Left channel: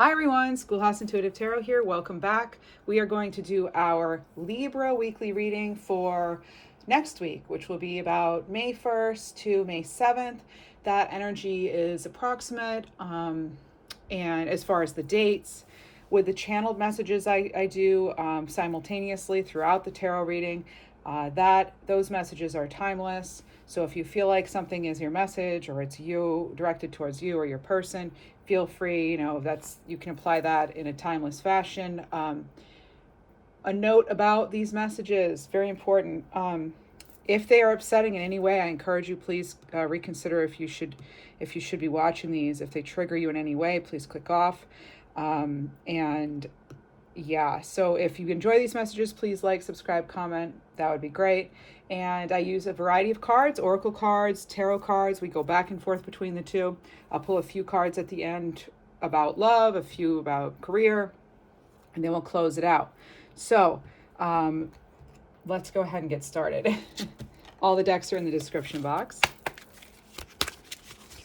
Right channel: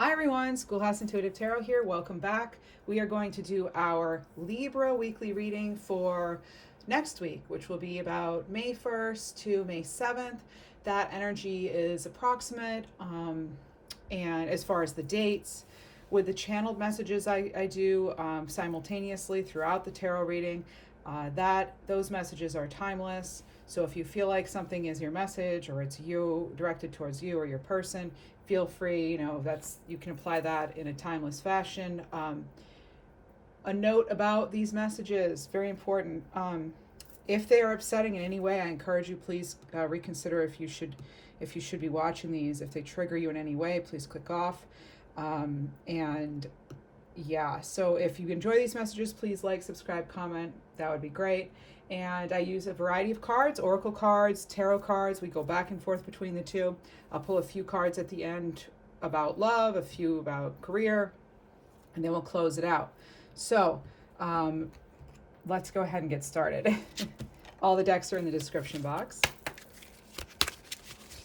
Hi everyone, Schoolhouse Intuitive Tarot here. Welcome back. We are going to do our Libra weekly reading for next week, which will be about May 1st to May 7th. That energy is approximate, and as far as the dates, with the channeled messages I do simultaneously throughout the tarot reading, those messages are timeless. So if you feel like something is your message or it's you directed towards you or your person, feel free, you can apply that in a timeless fashion. A note about these messages, very important. If they are upsetting in any way, I encourage you, please reconsider if you should be watching these. If they trigger you in any way, please click off. And yeah, so if you enjoy these messages, please like, subscribe, comment. That would be great. And I use a variety of cards, oracle cards, tarot cards. We go back and forth between the two. I'll pull a few cards at the end about love, a few about career, and then we'll close it out. So let's go ahead and get started. All the decks are in the description box.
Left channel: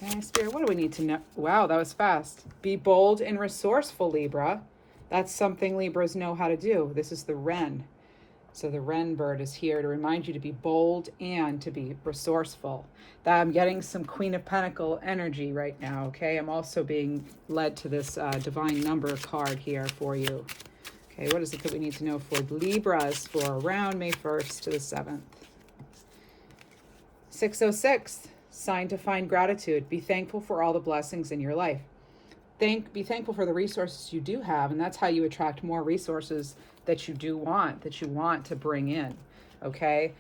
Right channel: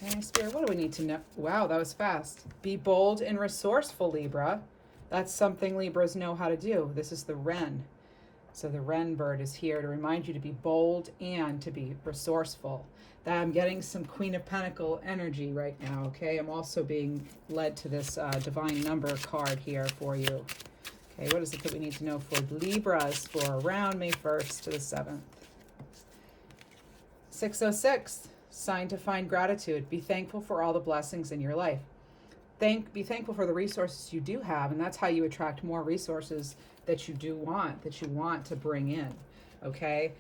Okay, Spirit, what do we need to know? Wow, that was fast. Be bold and resourceful, Libra. That's something Libras know how to do. This is the Wren. So the Wren bird is here to remind you to be bold and to be resourceful. I'm getting some Queen of Pentacle energy right now, okay? I'm also being led to this divine number card here for you. Okay, what is it that we need to know for Libras for around May 1st to the 7th? 606, sign to find gratitude. Be thankful for all the blessings in your life. Be thankful for the resources you do have, and that's how you attract more resources that you want to bring in, okay?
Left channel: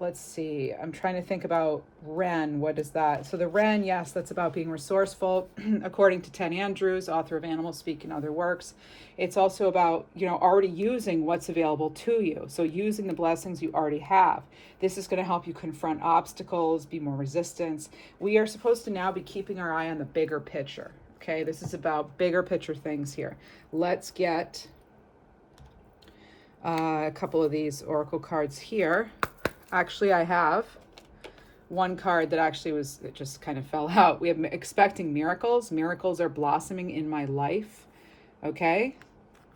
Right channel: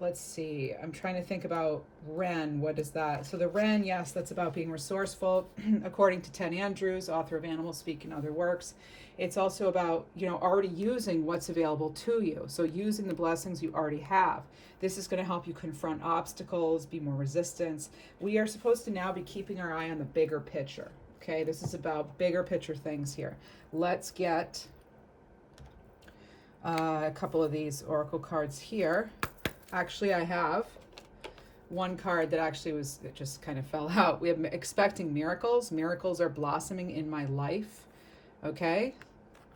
Let's see, I'm trying to think about Wren. What is that? So the Wren, yes, that's about being resourceful. According to Ted Andrews, author of Animal Speak and other works, it's also about, already using what's available to you. So using the blessings you already have. This is going to help you confront obstacles, be more resistant. We are supposed to now be keeping our eye on the bigger picture, okay? This is about bigger picture things here. Let's get a couple of these oracle cards here. Actually, I have one card that just kind of fell out. We have expecting miracles. Miracles are blossoming in my life. Okay?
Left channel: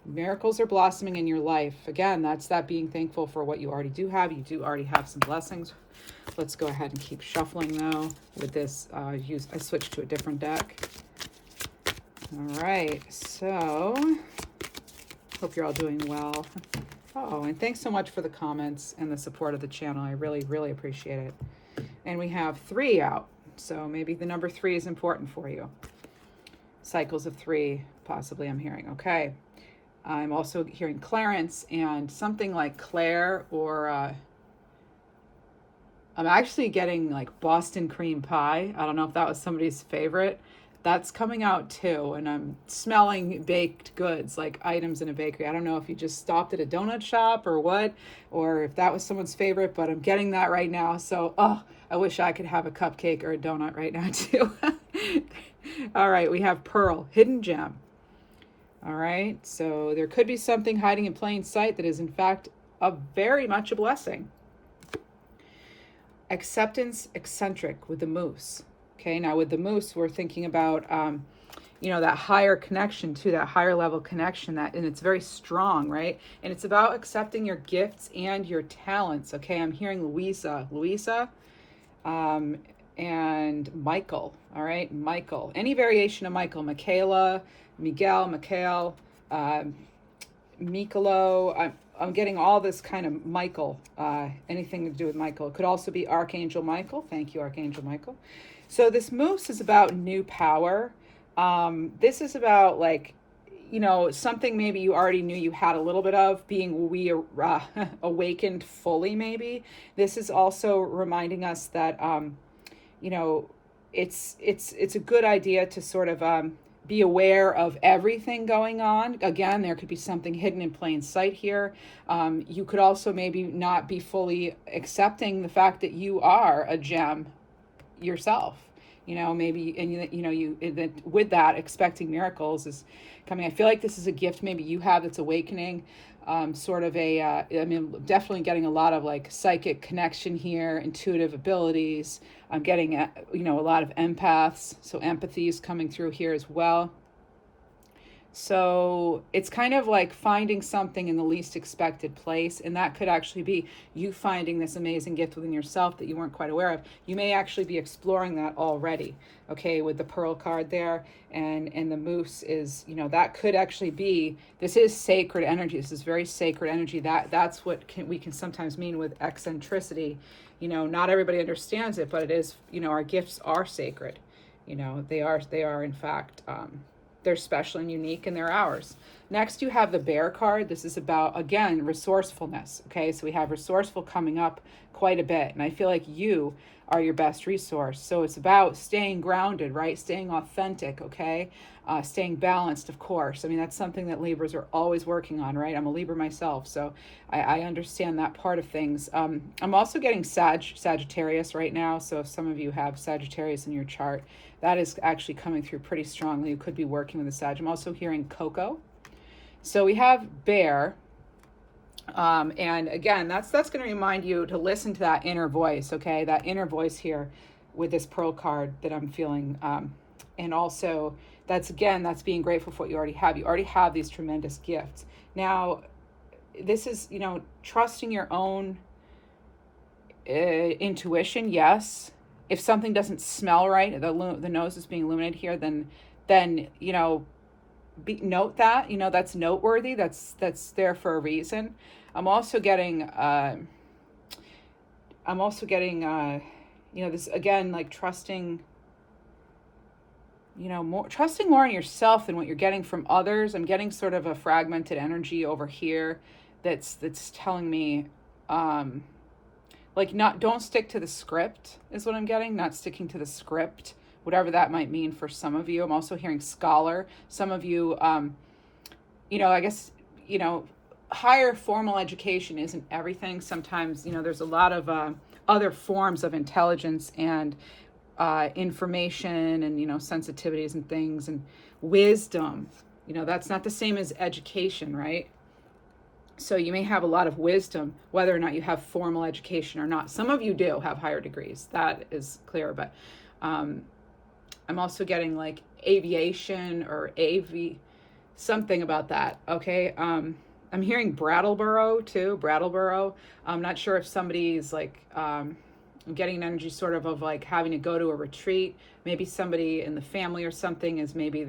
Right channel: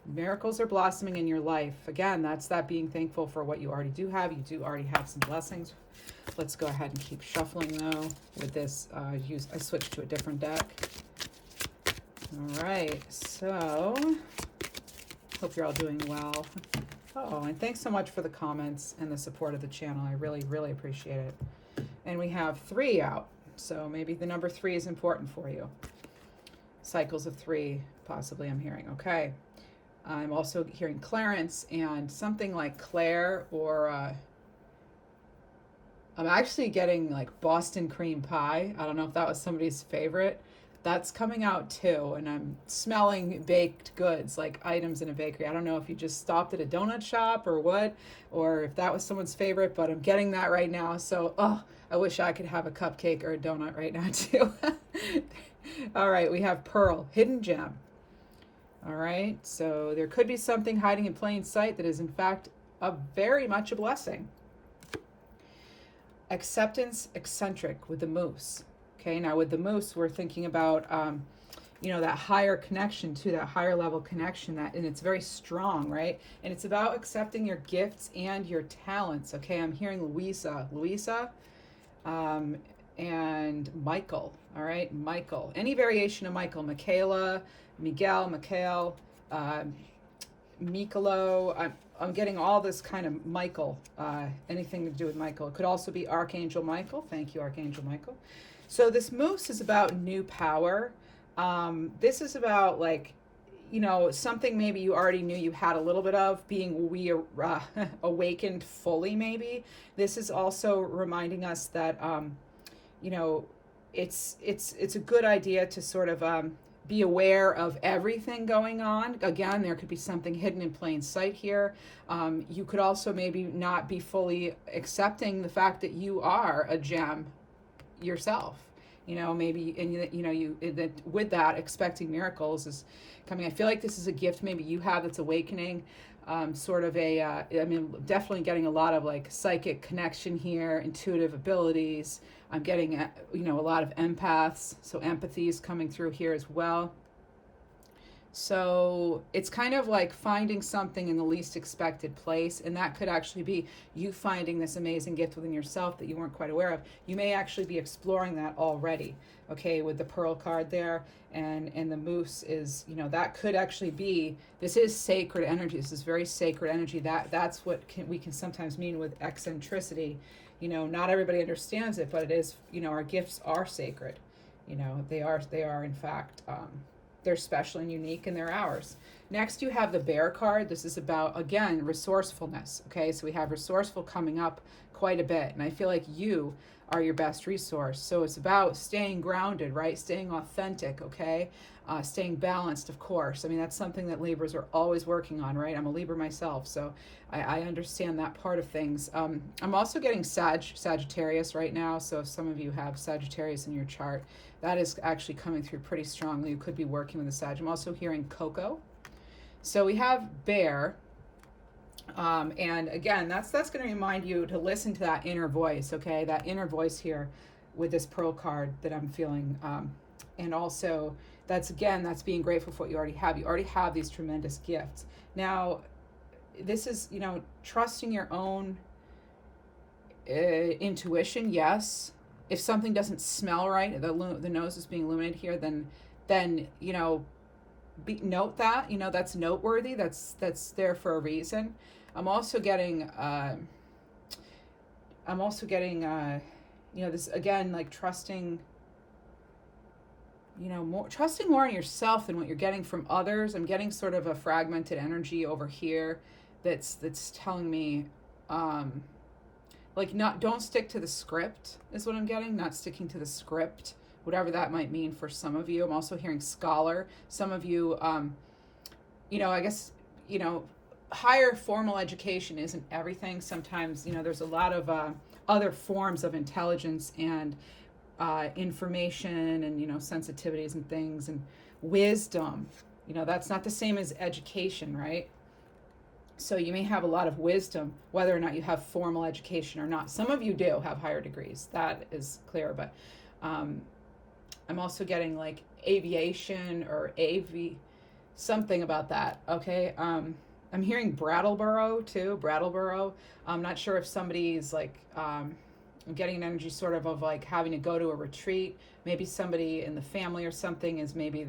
Miracles are blossoming in your life. Again, that's that being thankful for what you already do have. You do already have some blessings. Let's go ahead and keep shuffling though. With this, I switched to a different deck. All right, so hope you're all doing well. Oh, and thanks so much for the comments and the support of the channel. I really, really appreciate it. And we have 3 out, so maybe the number 3 is important for you. Cycles of 3, possibly I'm hearing. Okay. I'm also hearing Clarence and something like Claire, or I'm actually getting like Boston cream pie. I don't know if that was somebody's favorite. That's coming out too, and I'm smelling baked goods, like items in a bakery. I don't know if you just stopped at a donut shop or what, or if that was someone's favorite, but I'm getting that right now. So, I wish I could have a cupcake or a donut right now too. All right, we have Pearl, hidden gem. All right, so there could be something hiding in plain sight that is in fact very much a blessing. Acceptance, eccentric with the moose. Okay, now with the moose, we're thinking about, that higher connection to that higher level connection, and it's very strong, right? And it's about accepting your gifts and your talents. Okay, I'm hearing Louisa, and Michael. All right, Michael. Any variation of Michael, Michaela, Miguel, Mikhail, Mikolo. I'm getting all this kind of Michael, anything to do with Michael. It could also be Archangel Michael. Thank you, Archangel Michael. So this moose is about new power. This is about something maybe you already knew you had a little bit of, being awakened fully maybe. This is also reminding us that, it's a good idea to sort of be aware of everything going on. Again, there could be something hidden in plain sight here. You could also maybe not be fully accepting the fact that you are a gem yourself, maybe, and with that, expecting miracles is coming. I feel like this is a gift maybe you have that's awakening, sort of definitely getting a lot of like psychic connection here, intuitive abilities. I'm getting a lot of empaths, so empathy is coming through here as well. So it's kind of like finding something in the least expected place, and that could actually be you finding this amazing gift within yourself that you weren't quite aware of. You may actually be exploring that already, okay, with the Pearl card there, and the Moose is, you know, that could actually be, this is sacred energy. This is very sacred energy. That's what we can sometimes mean with eccentricity. You know, not everybody understands it, but it is, you know, our gifts are sacred. You know, they are in fact, they're special and unique, and they're ours. Next, you have the Bear card. This is about, again, resourcefulness. Okay, so we have resourceful coming up quite a bit, and I feel like you are your best resource. So it's about staying grounded, right? Staying authentic, okay? Staying balanced, of course. I mean, that's something that Libras are always working on, right? I'm a Libra myself, so I understand that part of things. I'm also getting Sagittarius right now, so if some of you have Sagittarius in your chart, that is actually coming through pretty strongly. You could be working with a Sag. I'm also hearing Coco. So we have Bear. And again, that's going to remind you to listen to that inner voice, okay? That inner voice here with this Pearl card that I'm feeling. And also, that's being grateful for what you already have. You already have these tremendous gifts. Now, this is, you know, trusting your own intuition, yes. If something doesn't smell right, the nose is being illuminated here, then you know, note that, you know, that's noteworthy. That's there for a reason. I'm also getting you know, this again, like trusting, you know, trusting more in yourself than what you're getting from others. I'm getting sort of a fragmented energy over here that's telling me like, don't stick to the script is what I'm getting. Not sticking to the script, whatever that might mean for some of you. I'm also hearing scholar. Some of you, you know, I guess, you know, higher formal education isn't everything. Sometimes, you know, there's a lot of other forms of intelligence and information and, you know, sensitivities and things and wisdom. You know, that's not the same as education, right? So you may have a lot of wisdom, whether or not you have formal education or not. Some of you do have higher degrees. That is clear. But I'm also getting like aviation or something about that. Okay. I'm hearing Brattleboro too. Brattleboro. I'm not sure if somebody's like, I'm getting an energy sort of like having to go to a retreat. Maybe somebody in the family or something is maybe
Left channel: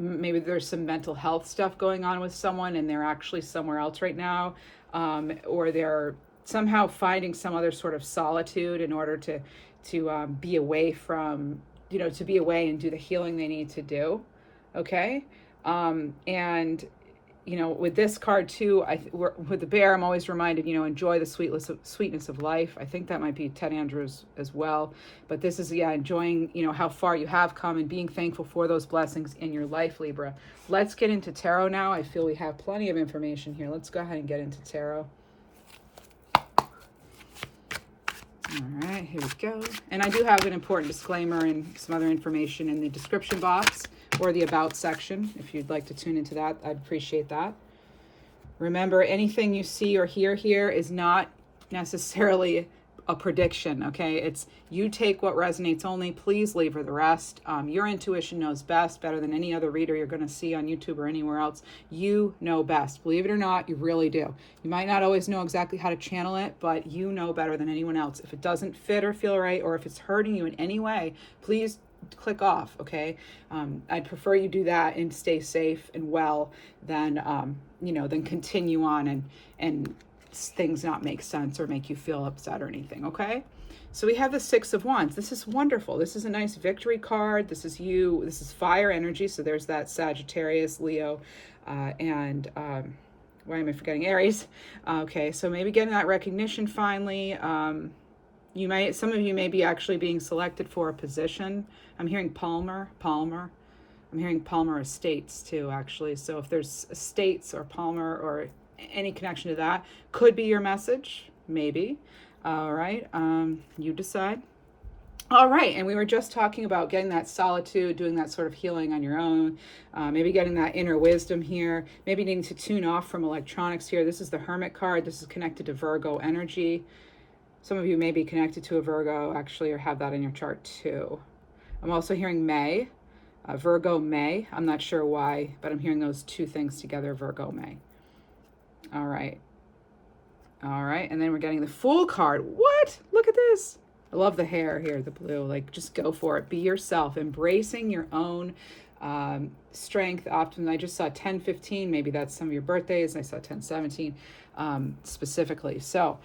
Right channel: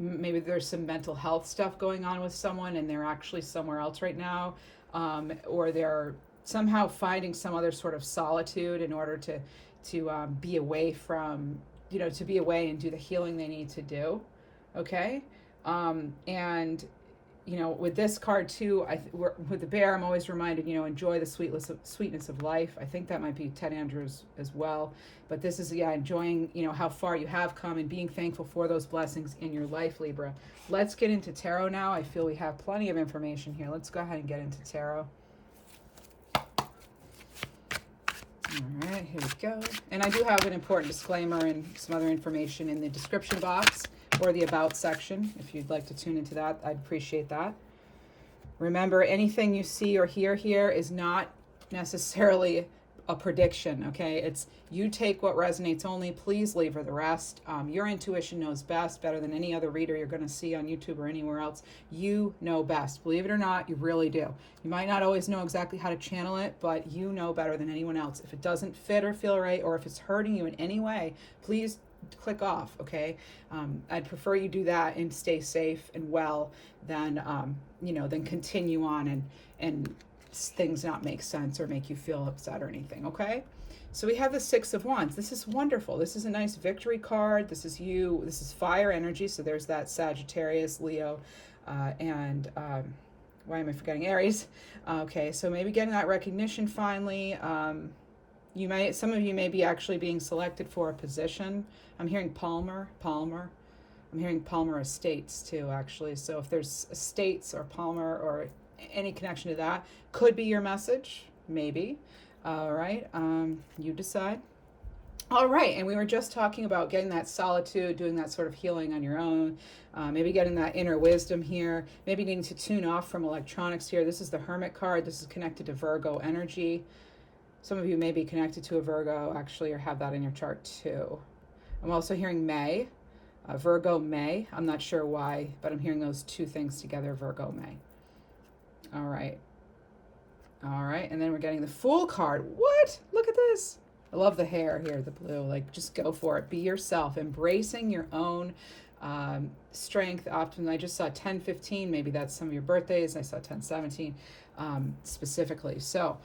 maybe there's some mental health stuff going on with someone and they're actually somewhere else right now, or they're somehow finding some other sort of solitude in order to be away from, you know, to be away and do the healing they need to do. Okay. And you know, with this card too, with the Bear, I'm always reminded, you know, enjoy the sweetness of life. I think that might be Ted Andrews as well. But this is, yeah, enjoying, you know, how far you have come and being thankful for those blessings in your life, Libra. Let's get into tarot now. I feel we have plenty of information here. Let's go ahead and get into tarot. All right, here we go. And I do have an important disclaimer and some other information in the description box or the about section. If you'd like to tune into that, I'd appreciate that. Remember, anything you see or hear here is not necessarily a prediction, okay? It's you take what resonates only. Please leave her the rest. Your intuition knows best, better than any other reader you're going to see on YouTube or anywhere else. You know best. Believe it or not, you really do. You might not always know exactly how to channel it, but you know better than anyone else. If it doesn't fit or feel right, or if it's hurting you in any way, please click off, okay? I'd prefer you do that and stay safe and well than you know, than continue on and things not make sense or make you feel upset or anything, okay? So we have the Six of Wands. This is wonderful. This is a nice victory card. This is you. This is fire energy. So there's that Sagittarius, Leo, and why am I forgetting Aries? Okay, so maybe getting that recognition finally. Some of you may be actually being selected for a position. I'm hearing Palmer. I'm hearing Palmer Estates too, actually. So if there's Estates or Palmer or any connection to that, could be your message, maybe. All right, you decide. All right, and we were just talking about getting that solitude, doing that sort of healing on your own, maybe getting that inner wisdom here, maybe needing to tune off from electronics here. This is the Hermit card. This is connected to Virgo energy. Some of you may be connected to a Virgo, actually, or have that in your chart too. I'm also hearing May. Virgo May. I'm not sure why, but I'm hearing those two things together, Virgo May. All right. All right, and then we're getting the Fool card. What? Look at this. I love the hair here, the blue. Like, just go for it. Be yourself, embracing your own strength, optimism. I just saw 10/15. Maybe that's some of your birthdays. I saw 10/17 specifically. So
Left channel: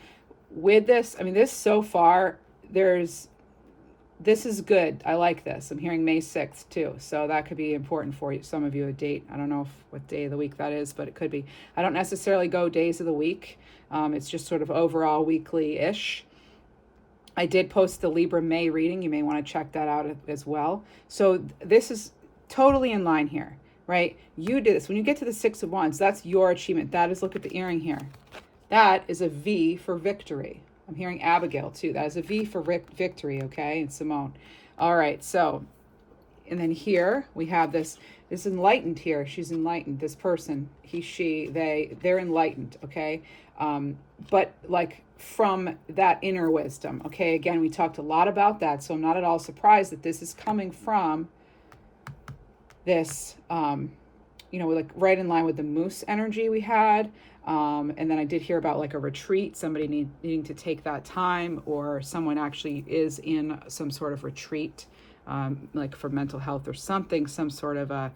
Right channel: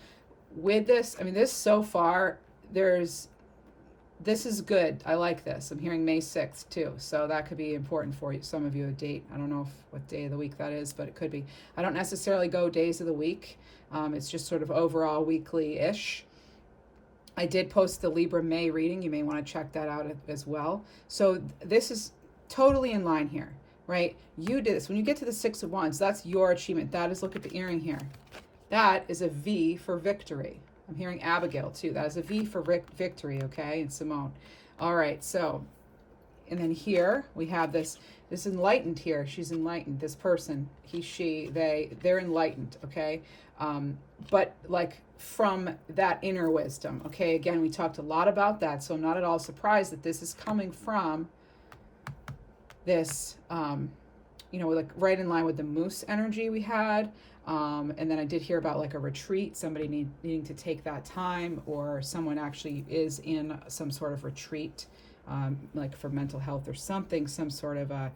with this, I mean, this so far, this is good. I like this. I'm hearing May 6th too. So that could be important for you. Some of you, a date. I don't know what day of the week that is, but it could be. I don't necessarily go days of the week. It's just sort of overall weekly-ish. I did post the Libra May reading. You may want to check that out as well. So this is totally in line here, right? You did this. When you get to the Six of Wands, that's your achievement. That is, look at the earring here. That is a V for victory. I'm hearing Abigail too. That is a V for victory, okay? And Simone. All right, so, and then here we have this enlightened here. She's enlightened. This person, he, she, they're enlightened, okay? But like from that inner wisdom, okay? Again, we talked a lot about that, so I'm not at all surprised that this is coming from this, you know, like right in line with the moose energy we had. And then I did hear about like a retreat, somebody needing to take that time, or someone actually is in some sort of retreat, like for mental health or something, some sort of a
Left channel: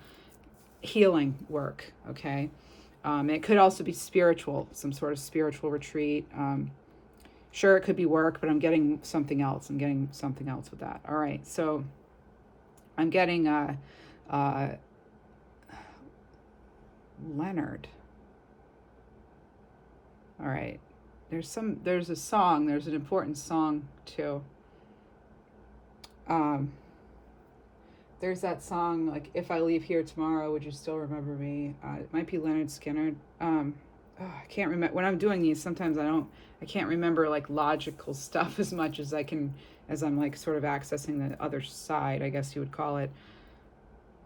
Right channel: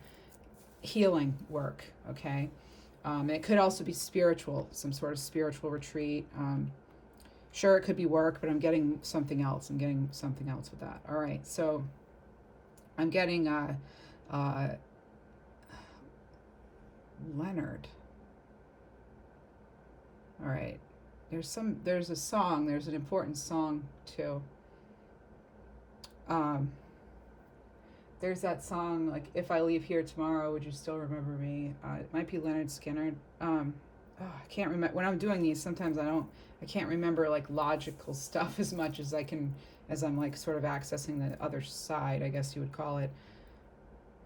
healing work, okay? It could also be spiritual, some sort of spiritual retreat. Sure, it could be work, but I'm getting something else. I'm getting something else with that. All right, so I'm getting Leonard. All right, there's a song, there's an important song too. There's that song, like, if I leave here tomorrow, would you still remember me? It might be Leonard Skinner. I can't remember. When I'm doing these, sometimes I can't remember like logical stuff as much as as I'm like sort of accessing the other side, I guess you would call it.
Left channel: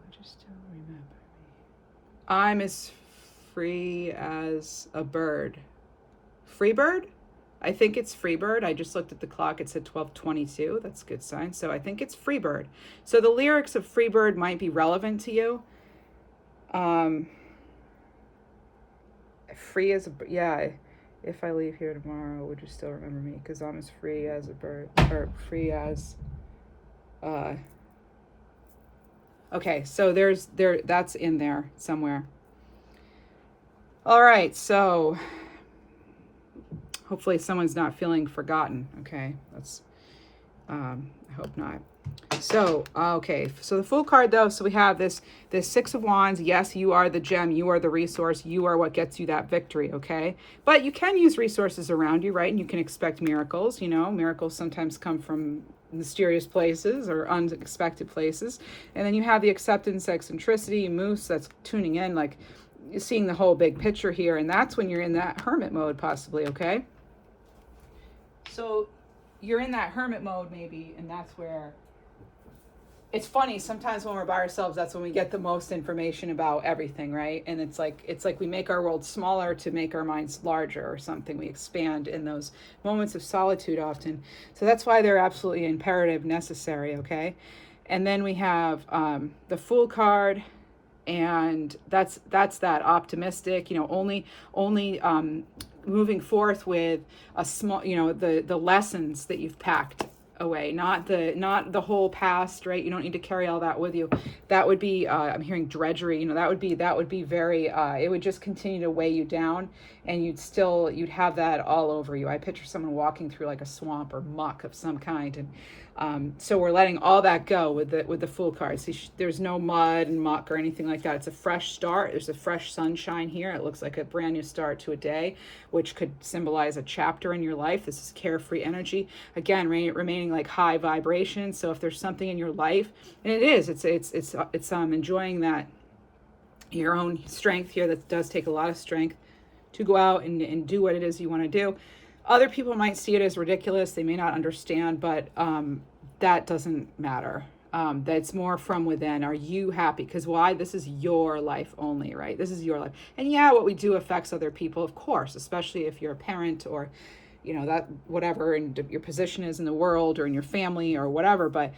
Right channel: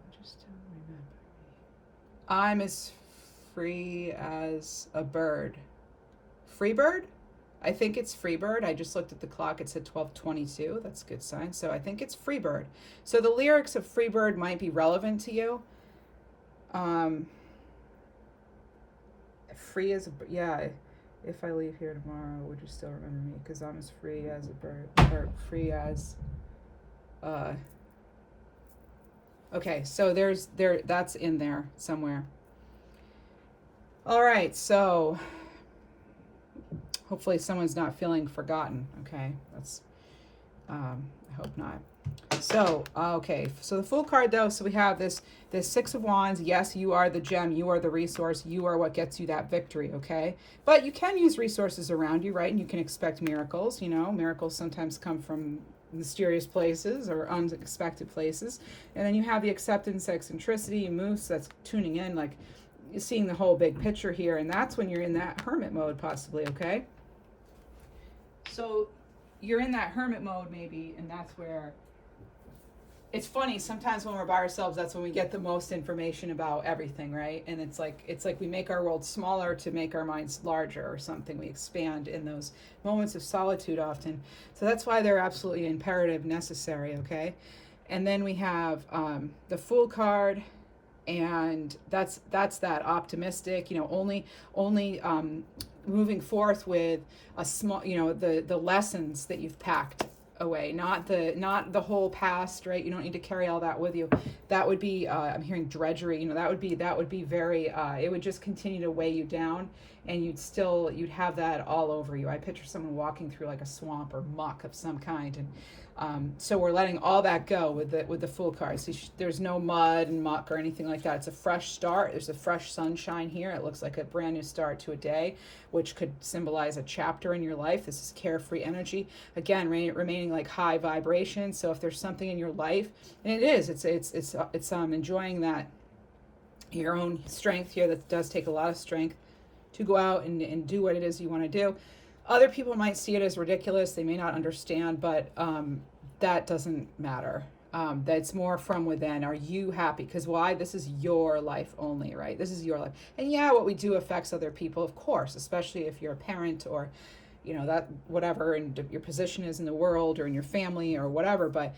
Would you still remember me? I'm as free as a bird. Freebird? I think it's Freebird. I just looked at the clock. It said 12:22. That's a good sign. So I think it's Freebird. So the lyrics of Freebird might be relevant to you. Free as a, yeah. If I leave here tomorrow, would you still remember me? Because I'm as free as a bird, or free as. Okay, so that's in there somewhere. All right, so. Hopefully someone's not feeling forgotten, okay? That's, I hope not. So, okay, so the Fool card though, so we have this Six of Wands. Yes, you are the gem, you are the resource, you are what gets you that victory, okay? But you can use resources around you, right? And you can expect miracles, you know? Miracles sometimes come from mysterious places or unexpected places. And then you have the acceptance, eccentricity, moose, that's tuning in, like seeing the whole big picture here. And that's when you're in that hermit mode possibly, okay? So you're in that hermit mode maybe, and that's where, it's funny, sometimes when we're by ourselves, that's when we get the most information about everything, right? And it's like we make our world smaller to make our minds larger or something. We expand in those moments of solitude often. So that's why they're absolutely imperative, necessary, okay? And then we have the Fool card, and that's that optimistic, you know, only moving forth with a small, you know, the lessons that you've packed away, not the whole past, right? You don't need to carry all that with you. That would be I'm hearing drudgery, you know, that would be very it would just continue to weigh you down, and you'd have that all over you. I picture someone walking through like a swamp or muck of some kind, and so we're letting all that go with the Fool card. See, there's no mud and muck or anything like that. It's a fresh start. There's a fresh sunshine here. It looks like a brand new start to a day, which could symbolize a chapter in your life. This is carefree energy. Again, remaining like high vibration. So if there's something in your life, and it is, it's enjoying that, your own strength here. That does take a lot of strength to go out and do what it is you want to do. Other people might see it as ridiculous. They may not understand, but that doesn't matter. That's more from within. Are you happy? Because why? This is your life only, right? This is your life. And yeah, what we do affects other people, of course, especially if you're a parent or, you know, that whatever, and your position is in the world or in your family or whatever. But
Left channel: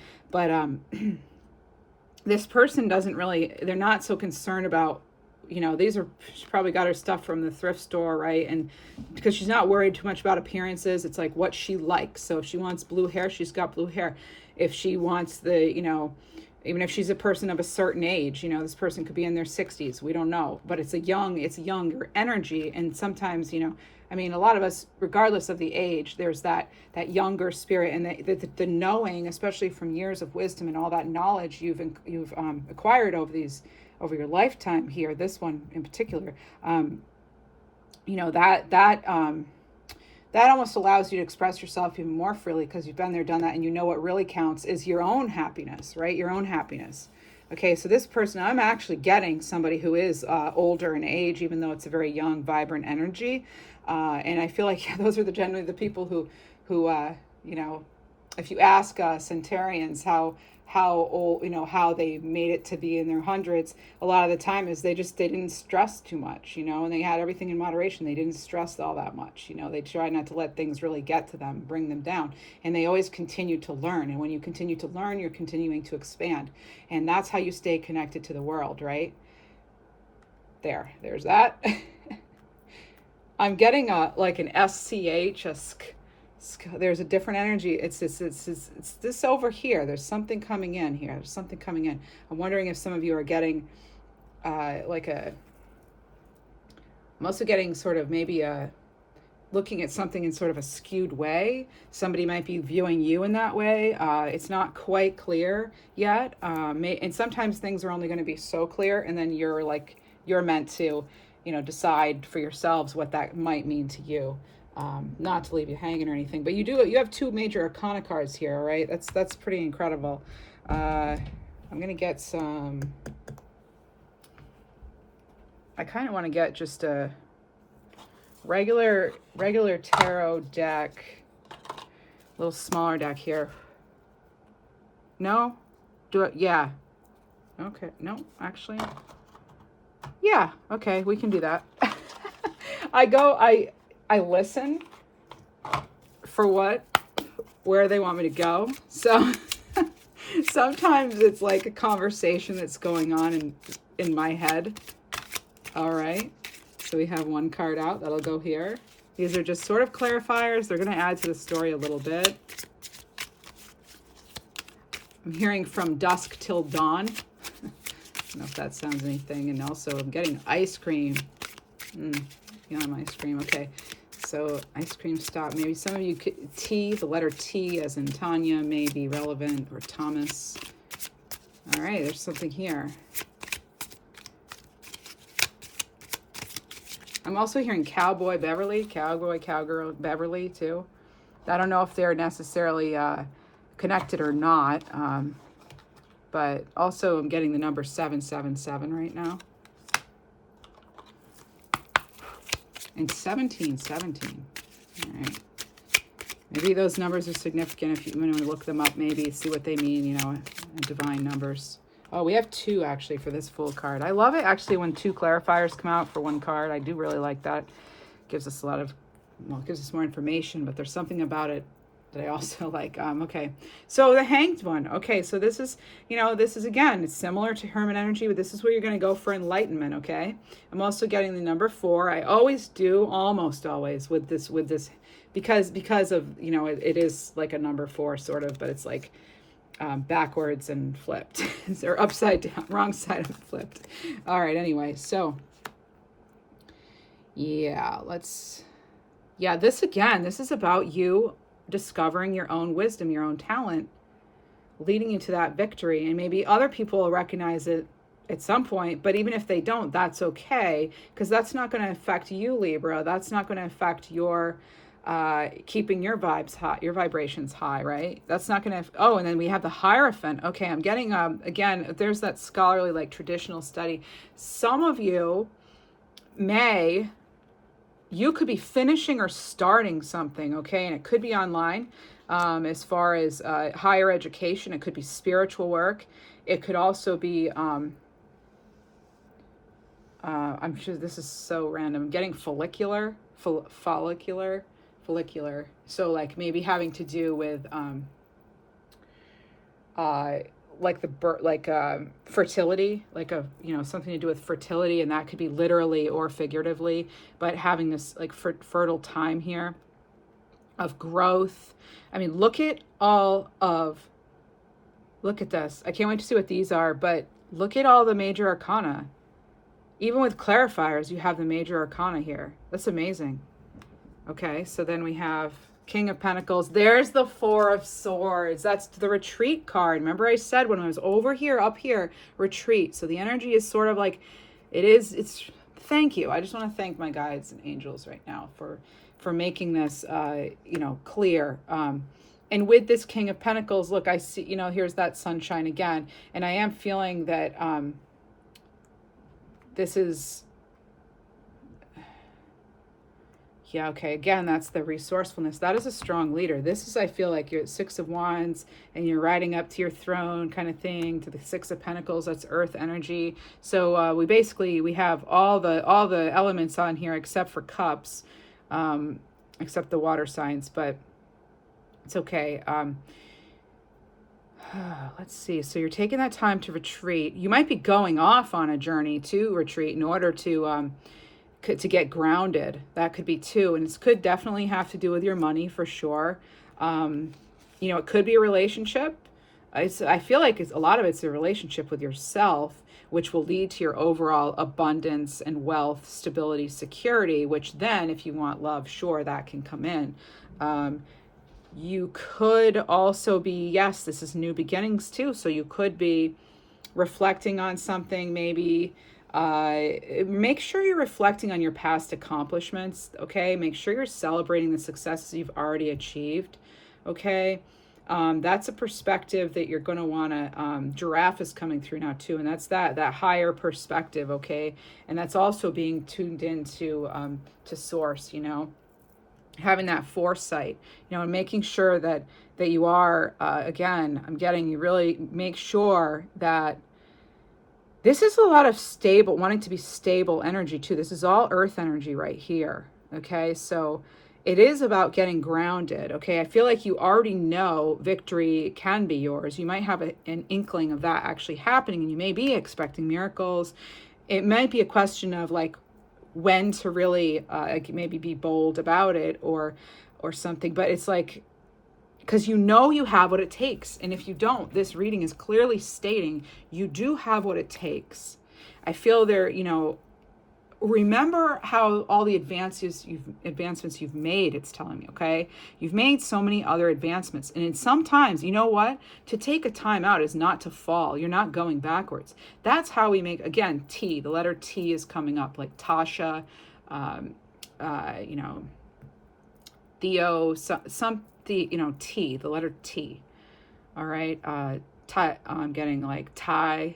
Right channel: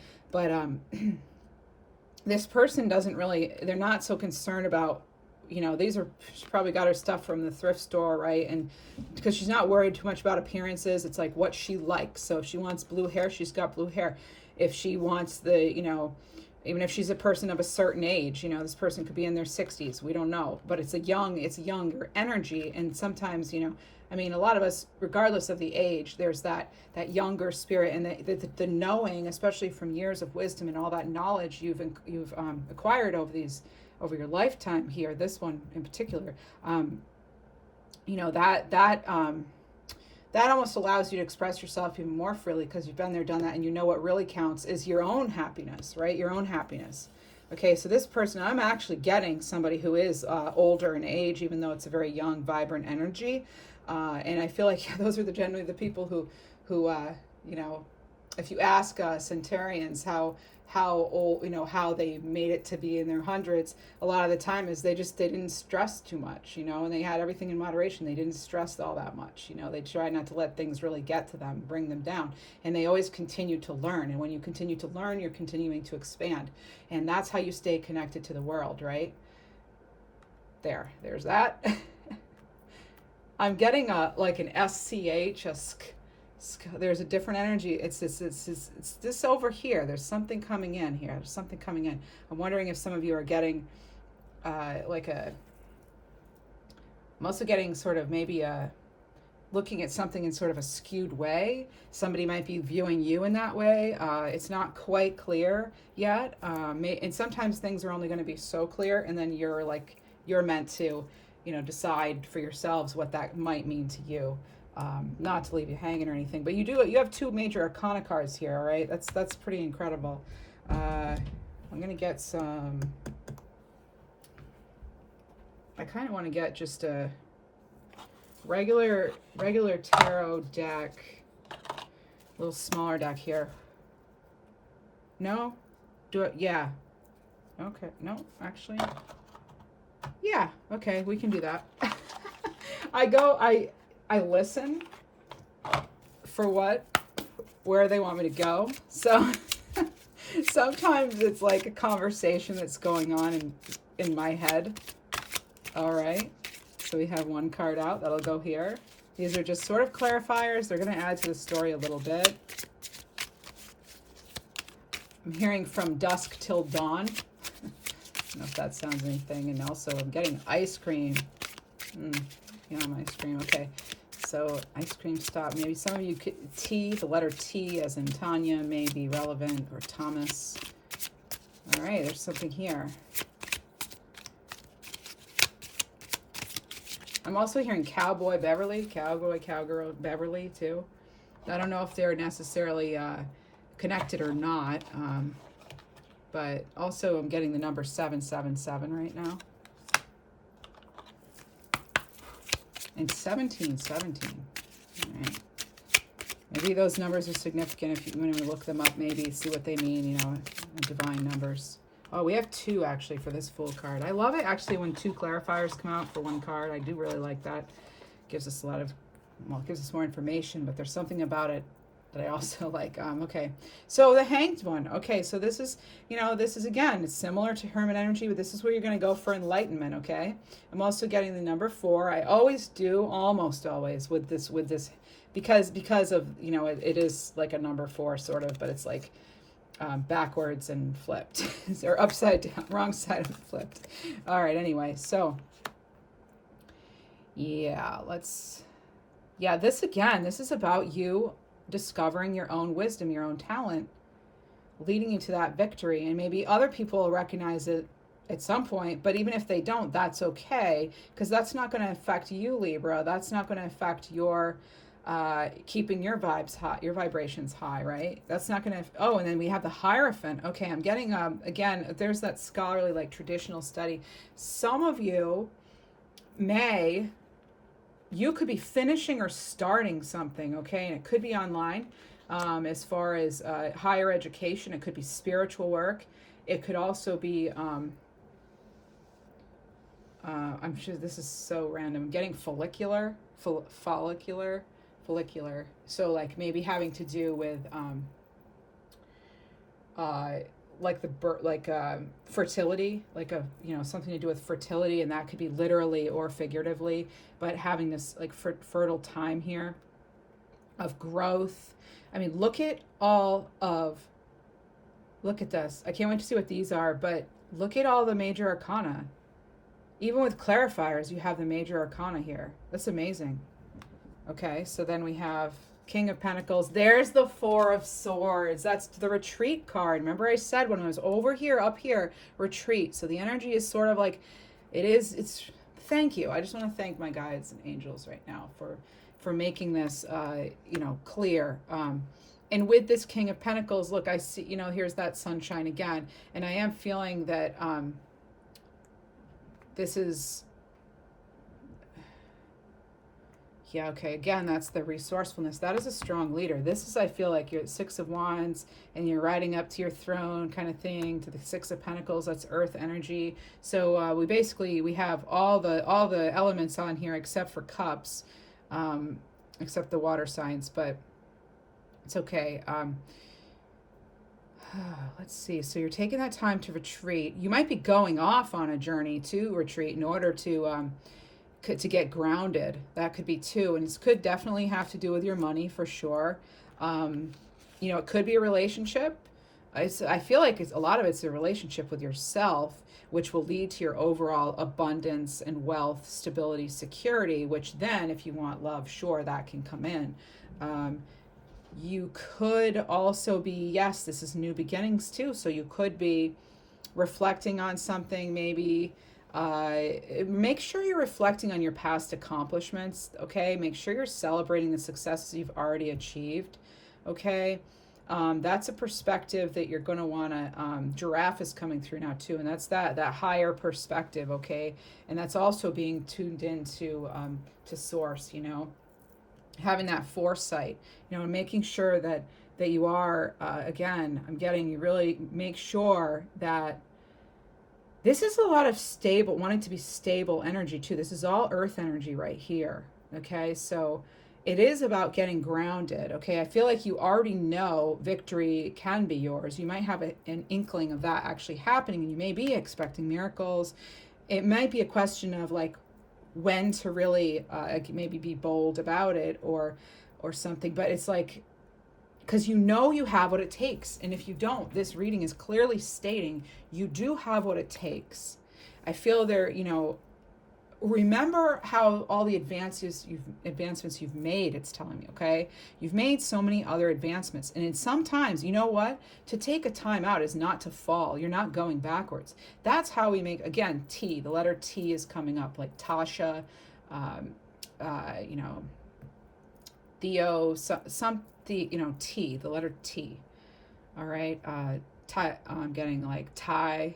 this person doesn't really, they're not so concerned about, you know, she probably got her stuff from the thrift store, right? And because she's not worried too much about appearances, it's like what she likes. So if she wants blue hair, she's got blue hair. If she wants the, you know, even if she's a person of a certain age, you know, this person could be in their 60s, we don't know, but it's a younger energy. And sometimes, you know, I mean, a lot of us, regardless of the age, there's that younger spirit, and the knowing, especially from years of wisdom and all that knowledge you've acquired over your lifetime here, this one in particular, you know, that almost allows you to express yourself even more freely, because you've been there, done that, and you know what really counts is your own happiness, right? Your own happiness. Okay, so this person, I'm actually getting somebody who is older in age, even though it's a very young, vibrant energy. And I feel like those are generally the people who you know, if you ask Centurions how old, you know, how they made it to be in their hundreds, a lot of the time is they didn't stress too much, you know, and they had everything in moderation. They didn't stress all that much, you know. They tried not to let things really get to them, bring them down, and they always continued to learn. And when you continue to learn, you're continuing to expand, and that's how you stay connected to the world, right? There's that. I'm getting like an SCH, there's a different energy. It's this over here. There's something coming in here. There's something coming in. I'm wondering if some of you are getting I'm also getting sort of maybe looking at something in sort of a skewed way. Somebody might be viewing you in that way. It's not quite clear yet. And sometimes things are only going to be so clear, and then you're meant to, you know, decide for yourselves what that might mean to you. Not to leave you hanging or anything, but you have two major arcana cards here, right? That's pretty incredible. I'm gonna get some, I kind of want to get just a regular tarot deck, a little smaller deck here. No? Do it? Yeah. Okay. No, actually. Yeah. Okay, we can do that. I listen for where they want me to go. So sometimes it's like a conversation that's going on in my head. All right. So we have one card out that'll go here. These are just sort of clarifiers. They're going to add to the story a little bit. I'm hearing from dusk till dawn. I don't know if that sounds anything. And also I'm getting ice cream. Yum, ice cream. Okay. So ice cream stop. Maybe some of you T, the letter T as in Tanya, may be relevant, or Thomas. All right, there's something here. I'm also hearing cowboy cowgirl Beverly too. I don't know if they're necessarily connected or not, but also I'm getting the number 777 right now. And 1717. All right. Maybe those numbers are significant if you want to look them up, maybe see what they mean, you know, divine numbers. Oh, we have two actually for this full card. I love it actually when two clarifiers come out for one card. I do really like that. Gives us a lot of, well, it gives us more information, but there's something about it that I also like. Okay, so the Hanged one. Okay, so this is, you know, this is, again, it's similar to Hermit energy, but this is where you're going to go for enlightenment. Okay, I'm also getting the number 4. I always do, almost always, with this because of, you know, it is like a number 4 sort of, but it's like backwards and flipped. Or upside down, wrong side and flipped. All right, anyway, so yeah, this again, this is about you discovering your own wisdom, your own talent, leading you to that victory. And maybe other people will recognize it at some point, but even if they don't, that's okay, because that's not going to affect you, Libra. That's not going to affect your keeping your vibes high, your vibrations high, right? That's not going to, oh, and then we have the Hierophant. Okay, I'm getting, again, there's that scholarly, like, traditional study. Some of you you could be finishing or starting something, okay? And it could be online, as far as higher education. It could be spiritual work. It could also be, I'm sure this is so random. I'm getting follicular. So like maybe having to do with like the fertility, like a, you know, something to do with fertility, and that could be literally or figuratively, but having this like fertile time here of growth. I mean, look at this. I can't wait to see what these are, but look at all the major arcana. Even with clarifiers, you have the major arcana here. That's amazing. Okay, so then we have King of Pentacles. There's the Four of Swords. That's the retreat card. Remember I said when I was over here, up here, retreat. So the energy is sort of like, it's, thank you. I just want to thank my guides and angels right now for making this, you know, clear. And with this King of Pentacles, look, I see, you know, here's that sunshine again. And I am feeling that this is, yeah, okay, again, that's the resourcefulness. That is a strong leader. This is, I feel like you're at Six of Wands and you're riding up to your throne kind of thing, to the Six of Pentacles. That's earth energy. So we have all the elements on here except for cups, except the water signs, but it's okay. Let's see. So you're taking that time to retreat. You might be going off on a journey to retreat in order to get grounded. That could be too, and it could definitely have to do with your money for sure. You know, it could be a relationship. I feel like a lot of it's a relationship with yourself, which will lead to your overall abundance and wealth, stability, security, which then, if you want love, sure, that can come in. You could also be, yes, this is new beginnings too, so you could be reflecting on something, maybe. Make sure you're reflecting on your past accomplishments, okay? Make sure you're celebrating the successes you've already achieved, okay? That's a perspective that you're going to want to, giraffe is coming through now too, and that's that higher perspective, okay? And that's also being tuned into to source, you know, having that foresight, you know, and making sure that you are, again, I'm getting, you really make sure that this is a lot of stable, wanting to be stable energy too. This is all earth energy right here. Okay, so it is about getting grounded. Okay, I feel like you already know victory can be yours. You might have an inkling of that actually happening, and you may be expecting miracles. It might be a question of like when to really maybe be bold about it or something, but it's like, because you know you have what it takes. And if you don't, this reading is clearly stating you do have what it takes. I feel there, you know, remember how all the advancements you've made, it's telling me, okay? You've made so many other advancements. And sometimes, you know what? To take a time out is not to fall. You're not going backwards. That's how we make, again, T, the letter T is coming up, like Tasha, you know, Theo, you know, T, the letter T. All right. I'm getting like Thai,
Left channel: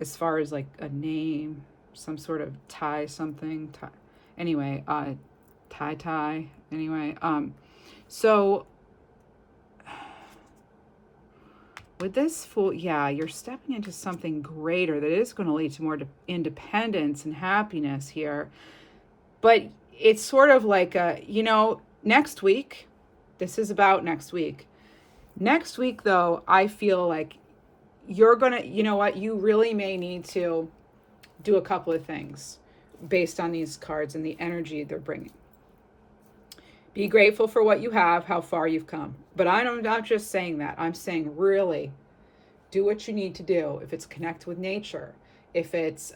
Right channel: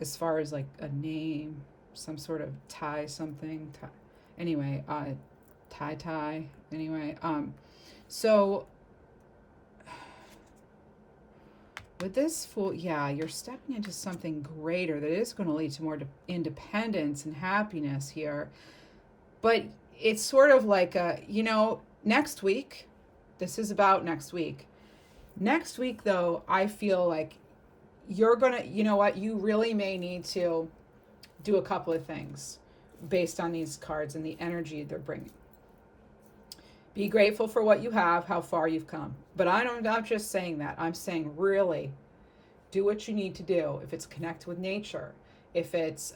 as far as like a name, some sort of Thai something. Anyway, Thai. Anyway, so with this Fool, yeah, you're stepping into something greater that is going to lead to more independence and happiness here. But it's sort of like, you know, next week, this is about next week. Next week, though, I feel like you're going to, you know what, you really may need to do a couple of things based on these cards and the energy they're bringing. Be grateful for what you have, how far you've come. But I'm not just saying that. I'm saying really do what you need to do. If it's connect with nature, if it's,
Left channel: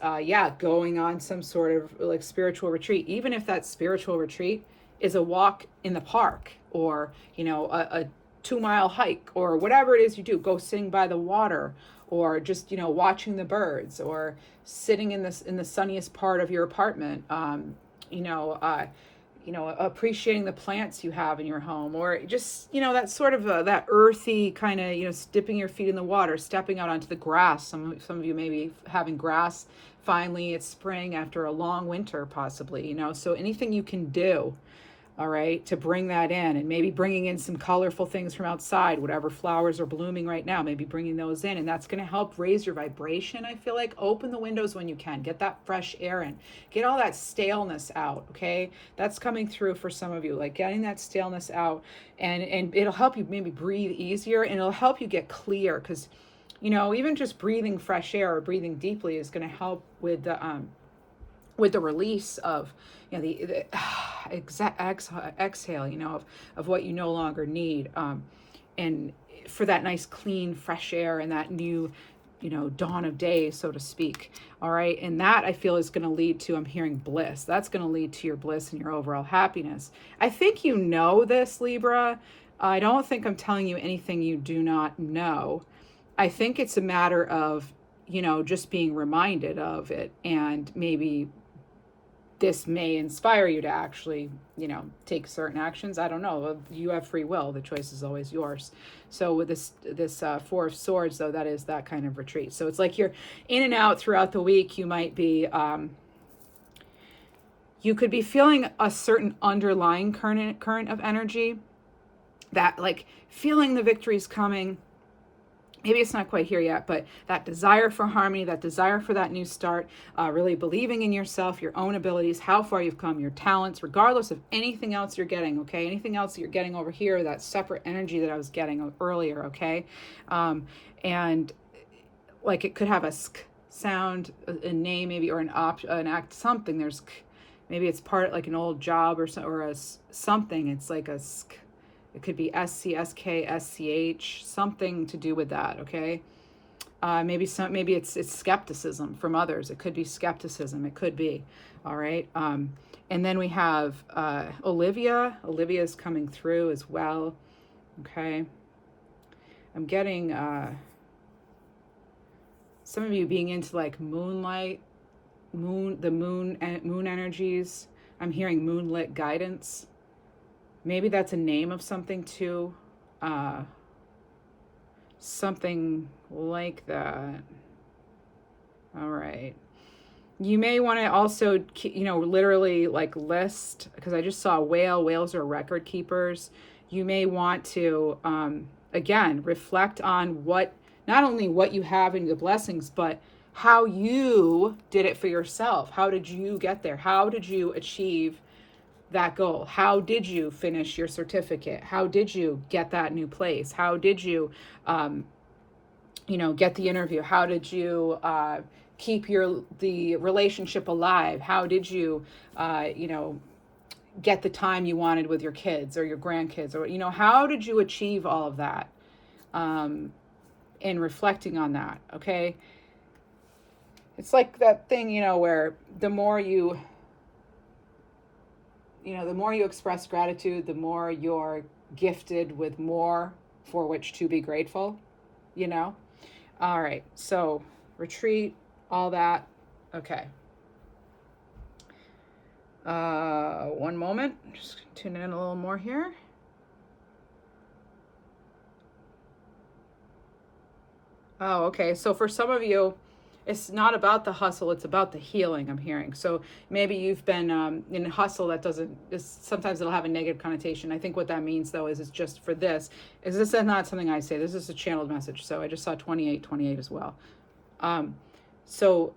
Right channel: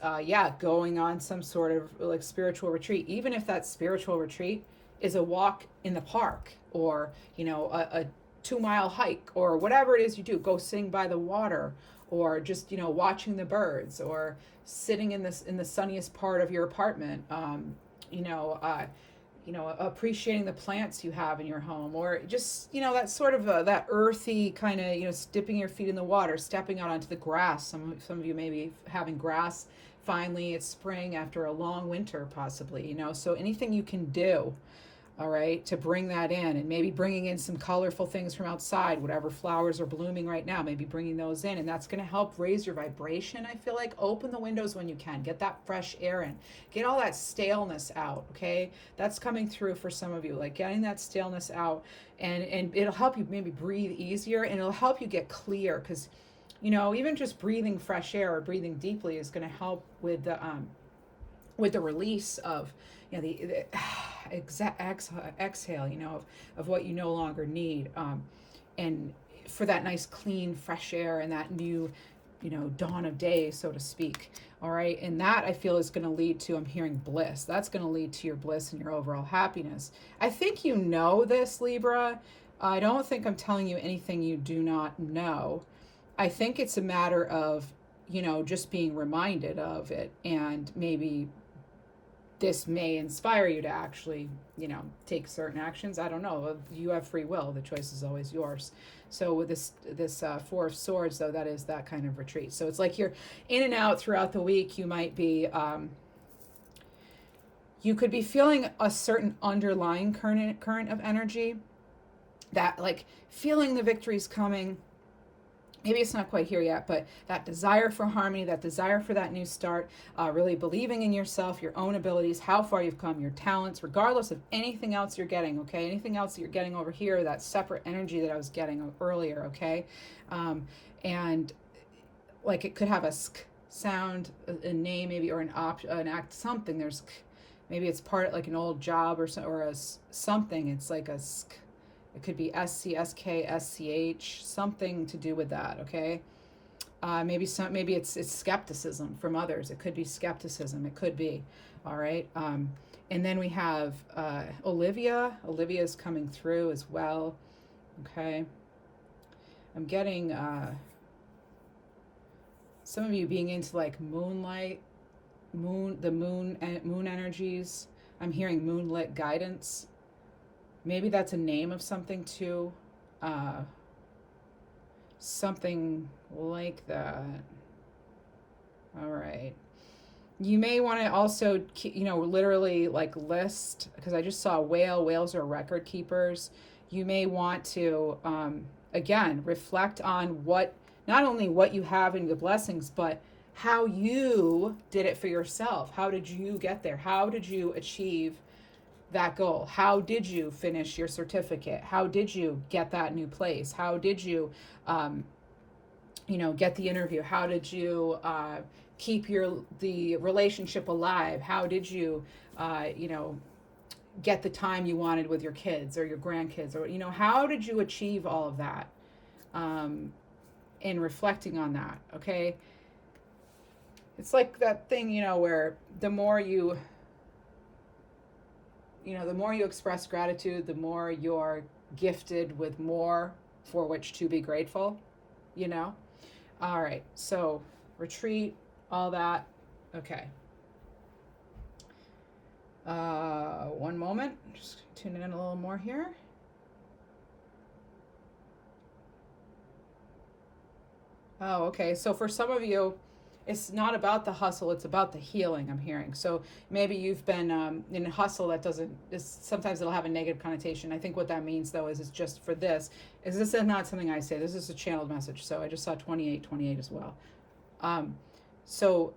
going on some sort of like spiritual retreat, even if that spiritual retreat is a walk in the park or, you know, a 2-mile hike or whatever it is you do, go sitting by the water or just, you know, watching the birds or sitting in the sunniest part of your apartment, appreciating the plants you have in your home, or just, you know, that sort of that earthy kind of, you know, dipping your feet in the water, stepping out onto the grass. Some of you may be having grass. Finally, it's spring after a long winter, possibly, you know, so anything you can do. all right, to bring that in, and maybe bringing in some colorful things from outside, whatever flowers are blooming right now, maybe bringing those in, and that's going to help raise your vibration. I feel like open the windows when you can, get that fresh air in, get all that staleness out. Okay, that's coming through for some of you, like getting that staleness out, and it'll help you maybe breathe easier, and it'll help you get clear, because even just breathing fresh air or breathing deeply is going to help with the release of the exhale, of what you no longer need, and for that nice clean fresh air and that new dawn of day, so to speak. All right, and that I feel is going to lead to, I'm hearing, bliss. That's going to lead to your bliss and your overall happiness. I think you know this, Libra. I don't think I'm telling you anything you do not know. I think it's a matter of just being reminded of it, and maybe this may inspire you to actually, take certain actions. I don't know. You have free will. The choice is always yours. So with this Four of Swords, though, that is that kind of retreat. So it's like you're in and out throughout the week. You might be, you could be feeling a certain underlying current of energy, that like feeling the victories coming. Maybe it's not quite here yet, but that desire for harmony, that desire for that new start, really believing in yourself, your own abilities, how far you've come, your talents, regardless of anything else you're getting, okay? Anything else that you're getting over here, that separate energy that I was getting earlier, okay? And like it could have a sk sound, a name maybe, or an act, something. There's, maybe it's part like an old job or something. It's like a sk. It could be SC, SK, SCH, something to do with that, okay? Maybe it's skepticism from others. It could be skepticism. It could be, all right? And then we have Olivia. Olivia is coming through as well, okay? I'm getting some of you being into like moonlight, moon energies. I'm hearing moonlit guidance. Maybe that's a name of something too. Something like that. All right. You may want to also, literally like list, because I just saw a whale. Whales are record keepers. You may want to, again, reflect on not only what you have in the blessings, but how you did it for yourself. How did you get there? How did you achieve that goal? How did you finish your certificate? How did you get that new place? How did you, get the interview? How did you keep the relationship alive? How did you, get the time you wanted with your kids or your grandkids? Or, how did you achieve all of that? And reflecting on that, okay? It's like that thing, where the more you express gratitude, the more you're gifted with more for which to be grateful, All right, so retreat, all that. Okay. One moment, just tune in a little more here. Oh, okay, so for some of you, it's not about the hustle, it's about the healing, I'm hearing. So maybe you've been in a hustle that sometimes it'll have a negative connotation. I think what that means, though, is it's just for this. This is not something I say. This is a channeled message. So I just saw 28 as well. So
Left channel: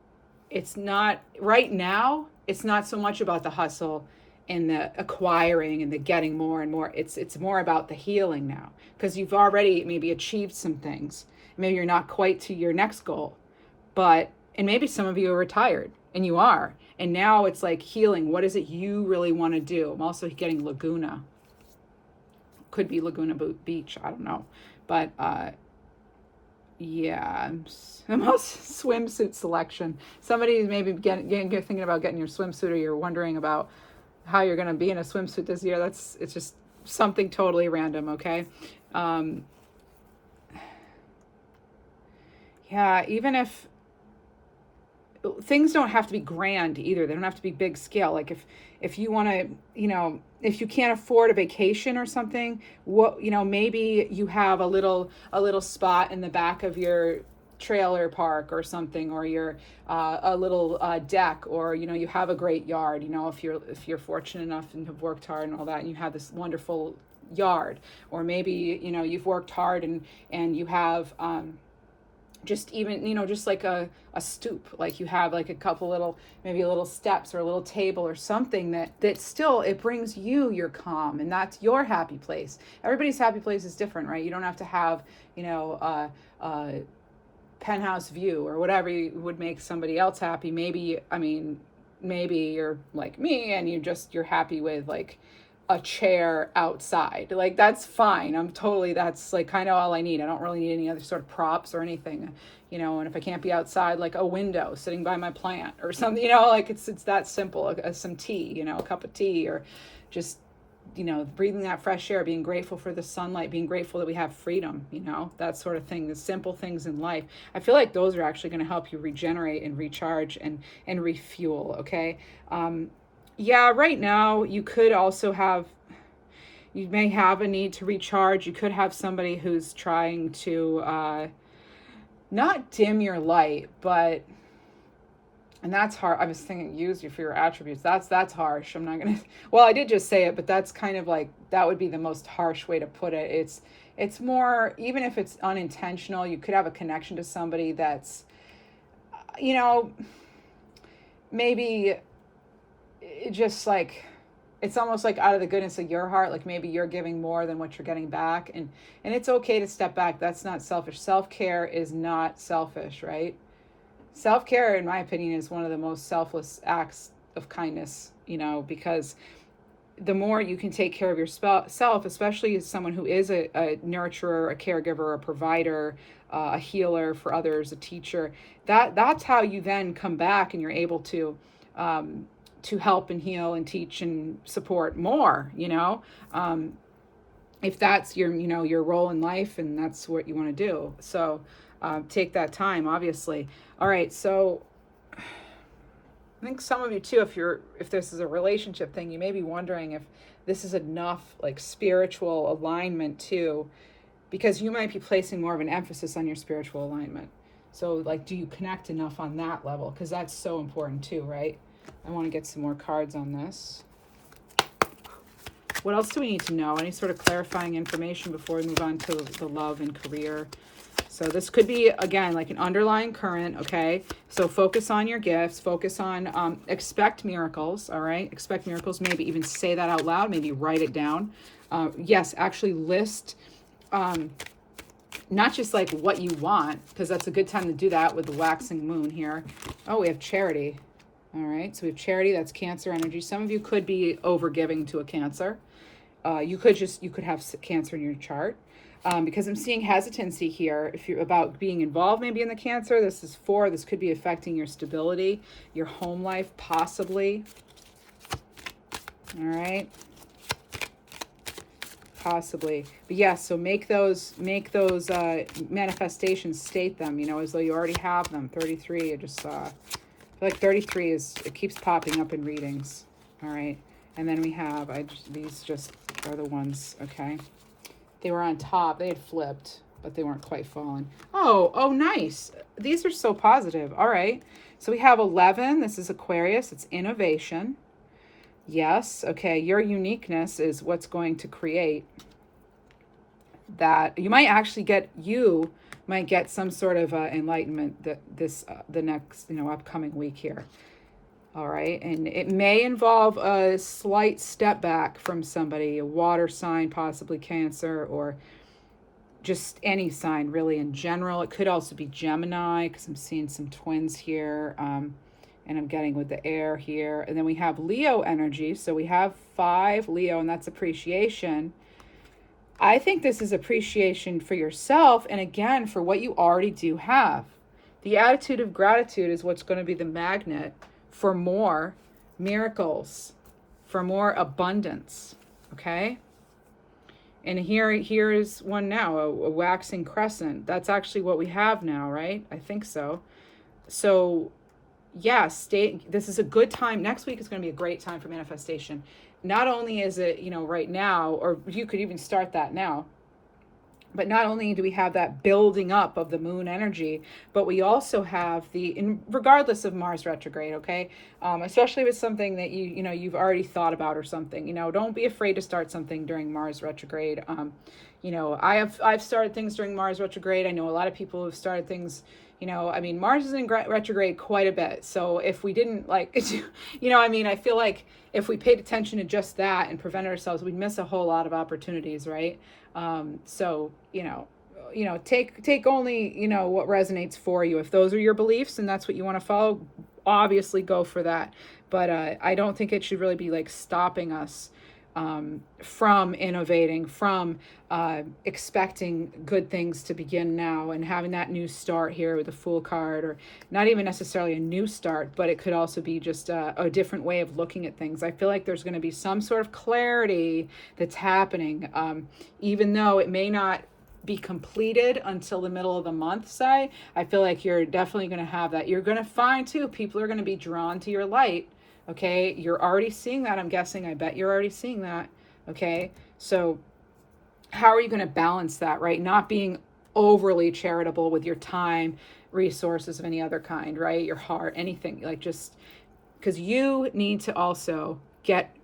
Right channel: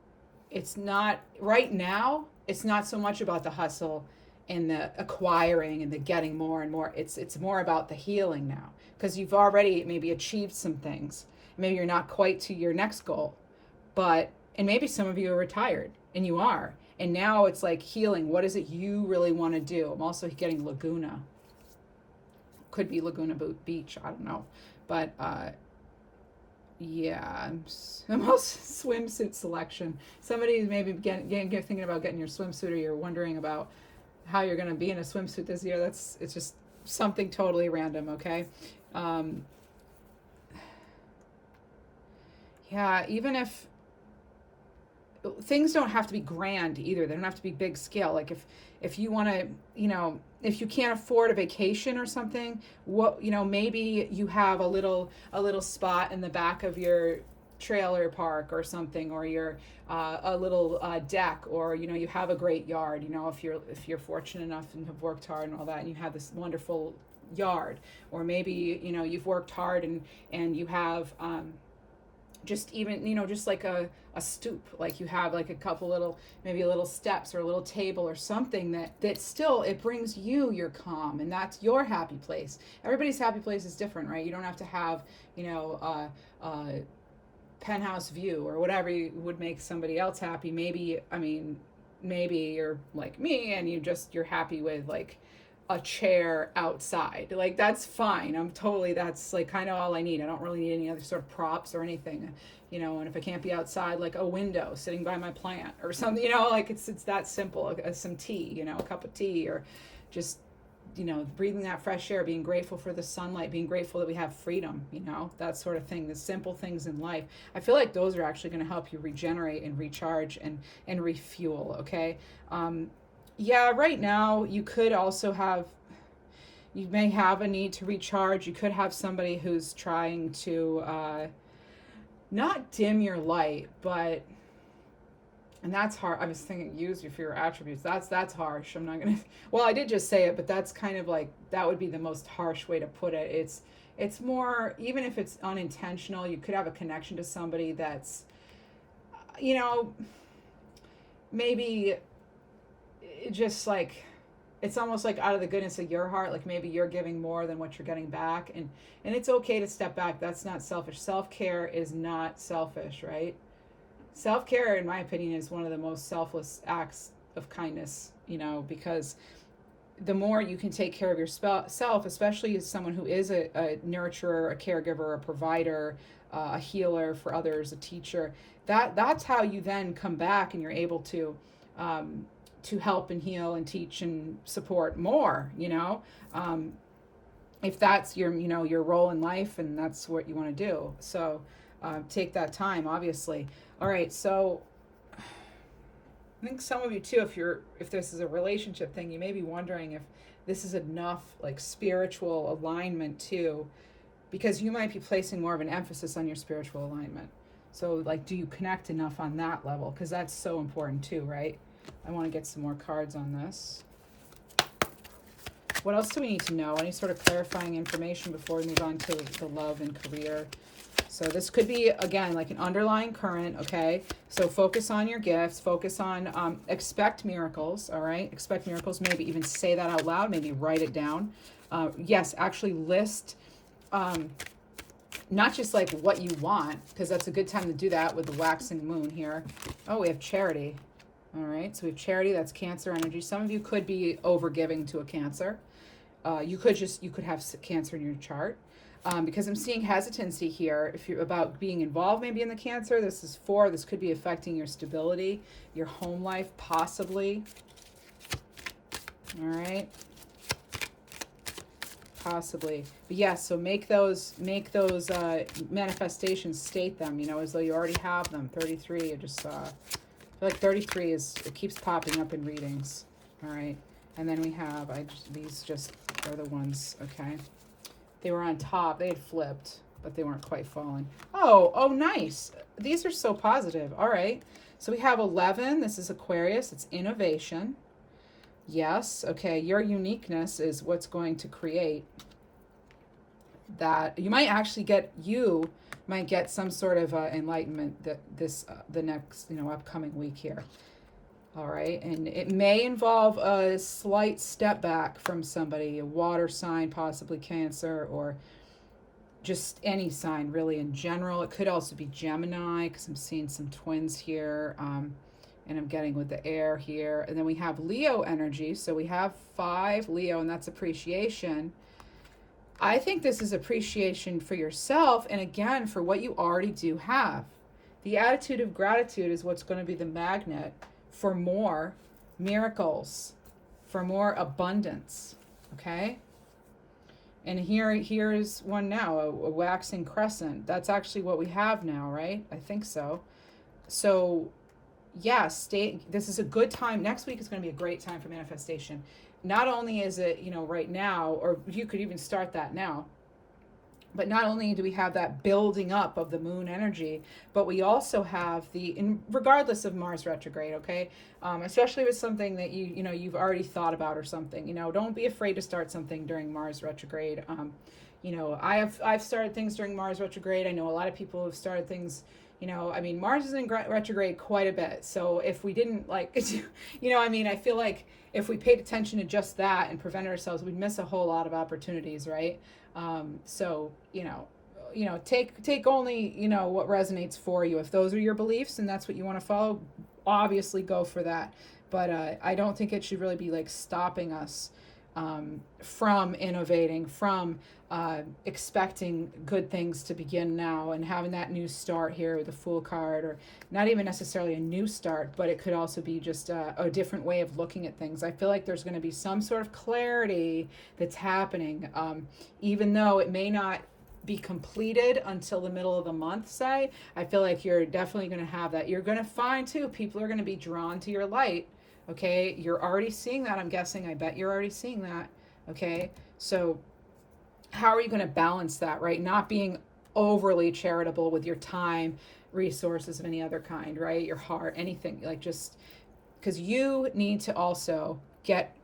it's not, right now, it's not so much about the hustle and the acquiring and the getting more and more. It's more about the healing now, because you've already maybe achieved some things. Maybe you're not quite to your next goal. And maybe some of you are retired, and you are. And now it's like healing. What is it you really want to do? I'm also getting Laguna. Could be Laguna Beach. I don't know. But yeah, I'm also swimsuit selection. Somebody maybe thinking about getting your swimsuit, or you're wondering about how you're going to be in a swimsuit this year. It's just something totally random, okay? Yeah, even if things don't have to be grand either. They don't have to be big scale. Like if you want to, if you can't afford a vacation or something, maybe you have a little spot in the back of your trailer park or something, or your a little deck, or you have a great yard. If you're fortunate enough and have worked hard and all that, and you have this wonderful yard, or maybe you've worked hard and you have just even just like a stoop, like you have like a couple little, maybe a little steps or a little table or something that still, it brings you your calm, and that's your happy place. Everybody's happy place is different, right? You don't have to have a penthouse view or whatever would make somebody else happy. Maybe you're like me and you're happy with like a chair outside. Like, that's fine. That's like kind of all I need. I don't really need any other sort of props or anything, and if I can't be outside, like a window sitting by my plant or something, like it's that simple. Some tea, a cup of tea, or just, breathing that fresh air, being grateful for the sunlight, being grateful that we have freedom, that sort of thing, the simple things in life. I feel like those are actually going to help you regenerate and recharge and refuel. Okay. Yeah, right now you may have a need to recharge. You could have somebody who's trying to not dim your light, and that's hard. I was thinking use you for your attributes. That's harsh. I'm not gonna, well, I did just say it, but that's kind of like, that would be the most harsh way to put it. It's more, even if it's unintentional, you could have a connection to somebody that's, maybe just like, it's almost like out of the goodness of your heart, like maybe you're giving more than what you're getting back, and it's okay to step back. That's not selfish. Self-care is not selfish, right? Self-care, in my opinion, is one of the most selfless acts of kindness, because the more you can take care of yourself, especially as someone who is a nurturer, a caregiver, a provider, a healer for others, a teacher, that's how you then come back and you're able to help and heal and teach and support more, if that's your role in life and that's what you want to do. So take that time, obviously. All right, so I think some of you too, if this is a relationship thing, you may be wondering if this is enough like spiritual alignment too, because you might be placing more of an emphasis on your spiritual alignment. So like, do you connect enough on that level? Because that's so important too, right? I want to get some more cards on this. What else do we need to know? Any sort of clarifying information before we move on to the love and career? So this could be, again, like an underlying current, okay? So focus on your gifts. Focus on, expect miracles, all right? Expect miracles. Maybe even say that out loud. Maybe write it down. Yes, actually list, not just like what you want, because that's a good time to do that with the waxing moon here. Oh, we have charity. All right, so we have charity. That's Cancer energy. Some of you could be overgiving to a Cancer. You could have Cancer in your chart. Because I'm seeing hesitancy here. If you're about being involved maybe in the Cancer, this is 4. This could be affecting your stability, your home life, possibly. All right. Possibly. But yes, so make those manifestations, state them, as though you already have them. 33, I just saw. I feel like 33 it keeps popping up in readings. All right. And then we have, these just are the ones, okay. They were on top. They had flipped, but they weren't quite falling. Oh, nice. These are so positive. All right. So we have 11. This is Aquarius. It's innovation. Yes. Okay. Your uniqueness is what's going to create that. You might get some sort of enlightenment the next, upcoming week here. All right, and it may involve a slight step back from somebody, a water sign, possibly Cancer, or just any sign really in general. It could also be Gemini, because I'm seeing some twins here, and I'm getting with the air here. And then we have Leo energy, so we have 5 Leo, and that's appreciation. I think this is appreciation for yourself, and again, for what you already do have. The attitude of gratitude is what's going to be the magnet for more miracles, for more abundance, okay? And here is one now, a waxing crescent. That's actually what we have now, right? I think so. So, yes, this is a good time. Next week is going to be a great time for manifestation. Not only is it, right now, or you could even start that now, But not only do we have that building up of the moon energy, but we also have regardless of Mars retrograde, okay? Especially with something that you've already thought about or something, don't be afraid to start something during Mars retrograde. I've started things during Mars retrograde. I know a lot of people have started things. I mean, Mars is in retrograde quite a bit. So if we didn't I feel like if we paid attention to just that and prevented ourselves, we'd miss a whole lot of opportunities, right? So take only what resonates for you. If those are your beliefs and that's what you want to follow, obviously go for that. But I don't think it should really be like stopping us from innovating, from expecting good things to begin now and having that new start here with the Fool card, or not even necessarily a new start, but it could also be just a different way of looking at things. I feel like there's going to be some sort of clarity that's happening, even though it may not be completed until the middle of the month, say. I feel like you're definitely going to have that. You're going to find too, people are going to be drawn to your light. Okay, you're already seeing that, I'm guessing. I bet you're already seeing that. Okay, so how are you going to balance that, right? Not being overly charitable with your time, resources of any other kind, right? Your heart, anything, like, just because you need to also get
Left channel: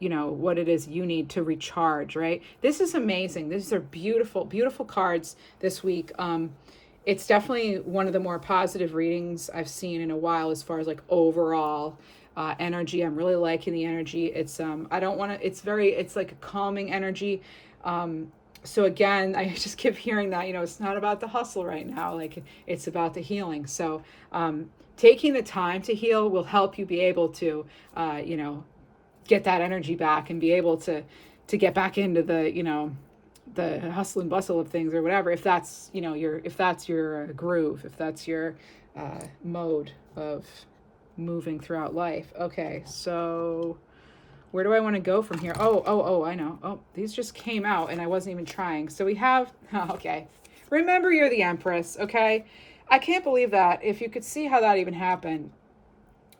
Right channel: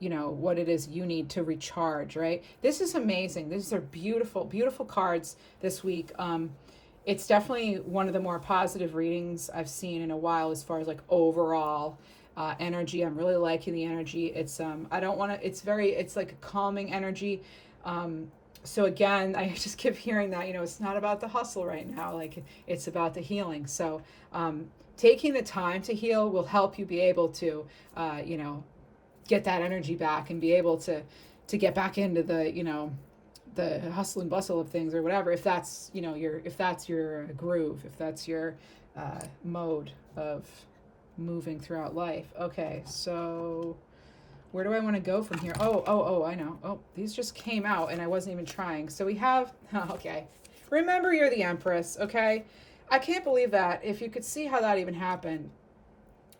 what it is you need to recharge, right? This is amazing. These are beautiful, beautiful cards this week. It's definitely one of the more positive readings I've seen in a while as far as like overall energy. I'm really liking the energy. It's it's like a calming energy. So again, I just keep hearing that, it's not about the hustle right now, like it's about the healing. So taking the time to heal will help you be able to get that energy back and be able to get back into the hustle and bustle of things, or whatever, if that's your groove, if that's your mode of moving throughout life. Okay, so where do I want to go from here? Oh, I know. Oh, these just came out and I wasn't even trying. So we have, okay. Remember, you're the Empress, okay? I can't believe that. If you could see how that even happened.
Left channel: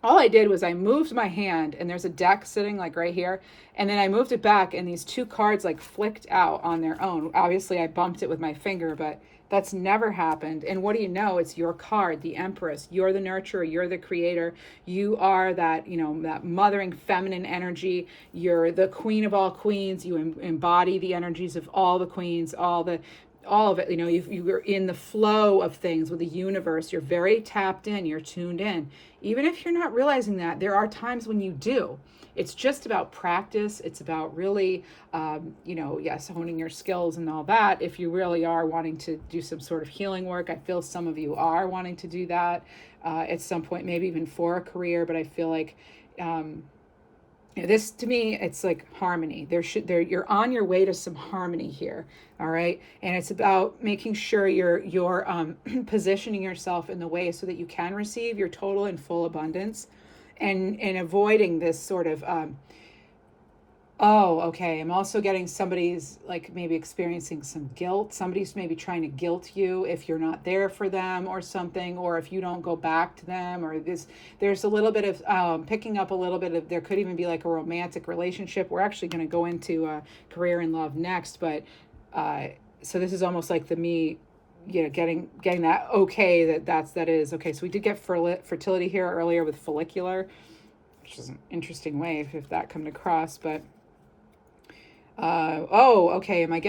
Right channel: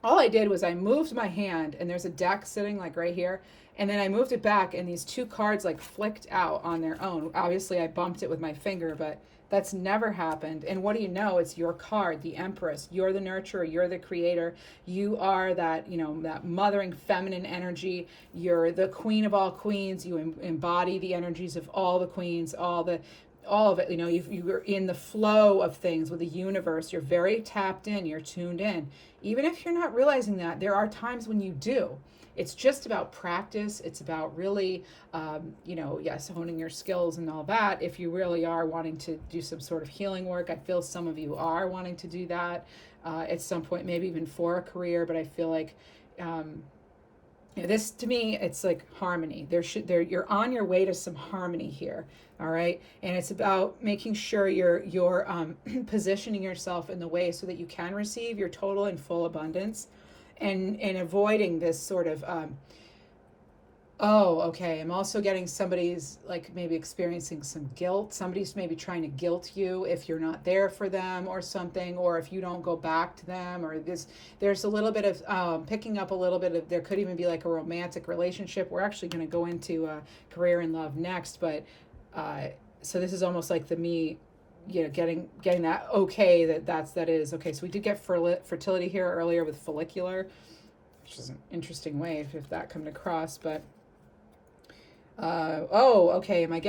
All I did was I moved my hand, and there's a deck sitting like right here, and then I moved it back, and these two cards like flicked out on their own. Obviously I bumped it with my finger, but that's never happened. And what do you know? It's your card, the Empress. You're the nurturer, you're the creator, you are that that mothering feminine energy. You're the queen of all queens. You embody the energies of all the queens, all of it. You're in the flow of things with the universe. You're very tapped in, you're tuned in. Even if you're not realizing that, there are times when you do. It's just about practice. It's about really, yes, honing your skills and all that. If you really are wanting to do some sort of healing work, I feel some of you are wanting to do that at some point, maybe even for a career. But I feel like this, to me, it's like harmony. You're on your way to some harmony here. All right, and it's about making sure you're positioning yourself in the way so that you can receive your total and full abundance, and avoiding this sort of oh, okay, I'm also getting somebody's like maybe experiencing some guilt. Somebody's maybe trying to guilt you if you're not there for them or something, or if you don't go back to them, or there's a little bit of picking up a little bit of, there could even be like a romantic relationship. We're actually going to go into career and love next, but so this is almost like me getting that okay, that is okay. So we did get fertility here earlier with follicular, which is an interesting way if that come across. But okay, am I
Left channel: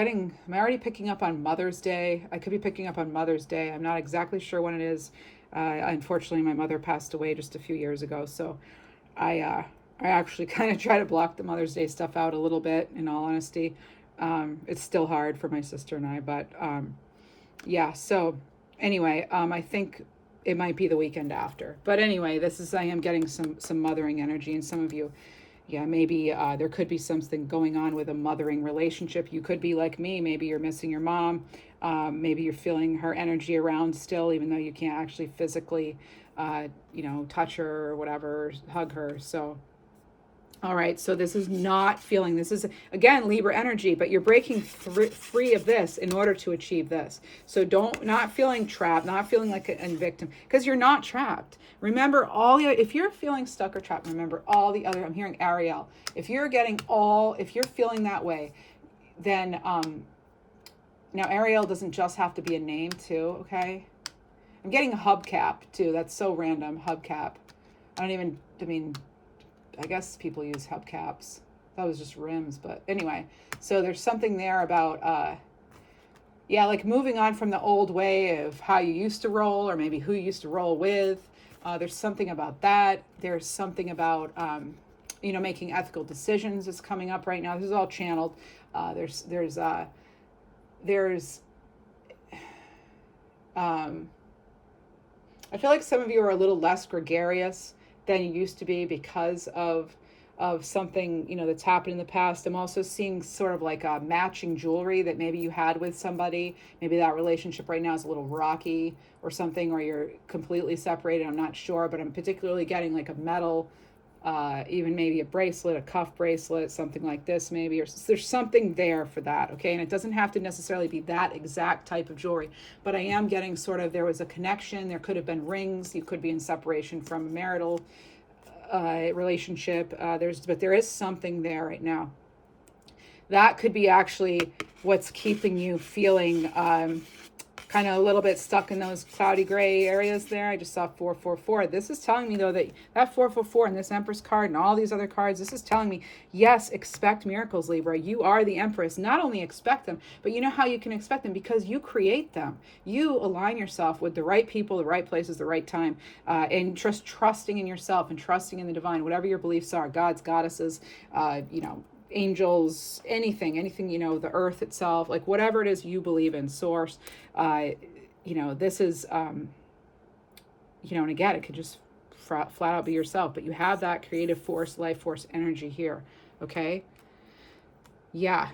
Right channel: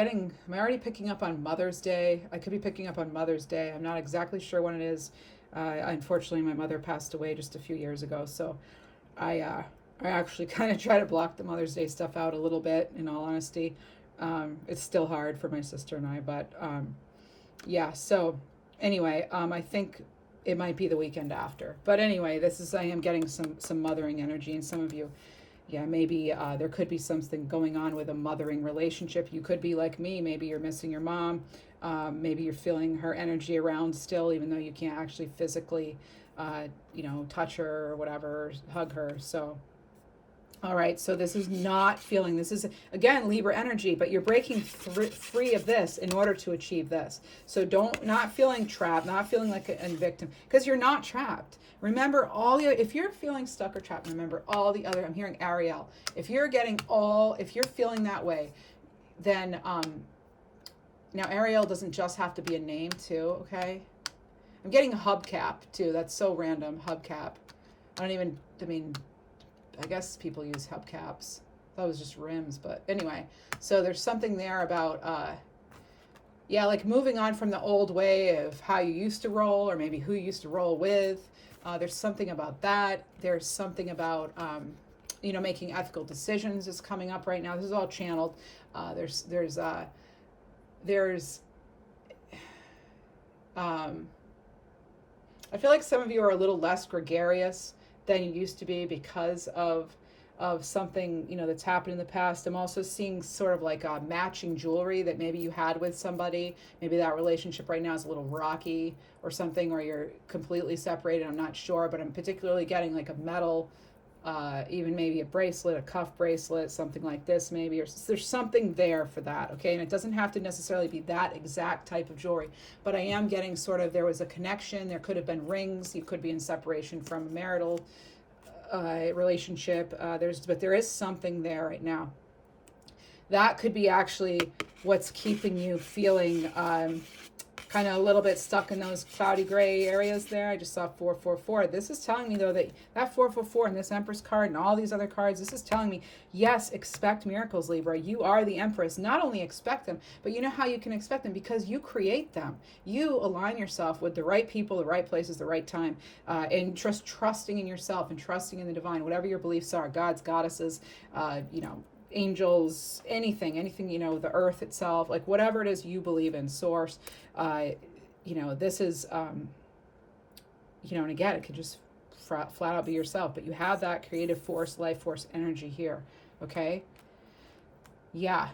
already picking up on Mother's Day? I could be picking up on Mother's Day. I'm not exactly sure when it is. Unfortunately, my mother passed away just a few years ago, so I actually kind of try to block the Mother's Day stuff out a little bit, in all honesty. It's still hard for my sister and I, but yeah, so anyway, I think it might be the weekend after. But anyway, I am getting some mothering energy, and some of you, yeah, maybe there could be something going on with a mothering relationship. You could be like me. Maybe you're missing your mom. Maybe you're feeling her energy around still, even though you can't actually physically, touch her or whatever, hug her. So, all right. So this is this is, again, Libra energy, but you're breaking free of this in order to achieve this. So not feeling trapped, not feeling like a victim, because you're not trapped. Remember if you're feeling stuck or trapped, remember all the other, I'm hearing Ariel. If you're feeling that way, then Now, Ariel doesn't just have to be a name too, okay? I'm getting a hubcap too. That's so random, hubcap. I mean, I guess people use hubcaps. That was just rims, but anyway. So there's something there about, yeah, like moving on from the old way of how you used to roll, or maybe who you used to roll with. There's something about that. There's something about, you know, making ethical decisions is coming up right now. This is all channeled. There's I feel like some of you are a little less gregarious than you used to be because of something, you know, that's happened in the past. I'm also seeing sort of like a matching jewelry that maybe you had with somebody. Maybe that relationship right now is a little rocky or something, or you're completely separated. I'm not sure, but I'm particularly getting like a metal, even maybe a bracelet, a cuff bracelet, something like this maybe, or there's something there for that, okay? And it doesn't have to necessarily be that exact type of jewelry, but I am getting sort of, there was a connection, there could have been rings, you could be in separation from a marital relationship, but there is something there right now. That could be actually what's keeping you feeling kind of a little bit stuck in those cloudy gray areas there. I just saw 444. This is telling me though that 444 and this Empress card and all these other cards, this is telling me, yes, expect miracles, Libra. You are the Empress. Not only expect them, but you know how you can expect them? Because you create them. You align yourself with the right people, the right places, the right time, and just trusting in yourself and trusting in the divine, whatever your beliefs are, gods, goddesses, you know, angels, anything, you know, the earth itself, like whatever it is you believe in, source, you know, this is, you know, and again, it could just flat out be yourself, but you have that creative force, life force energy here, okay? Yeah,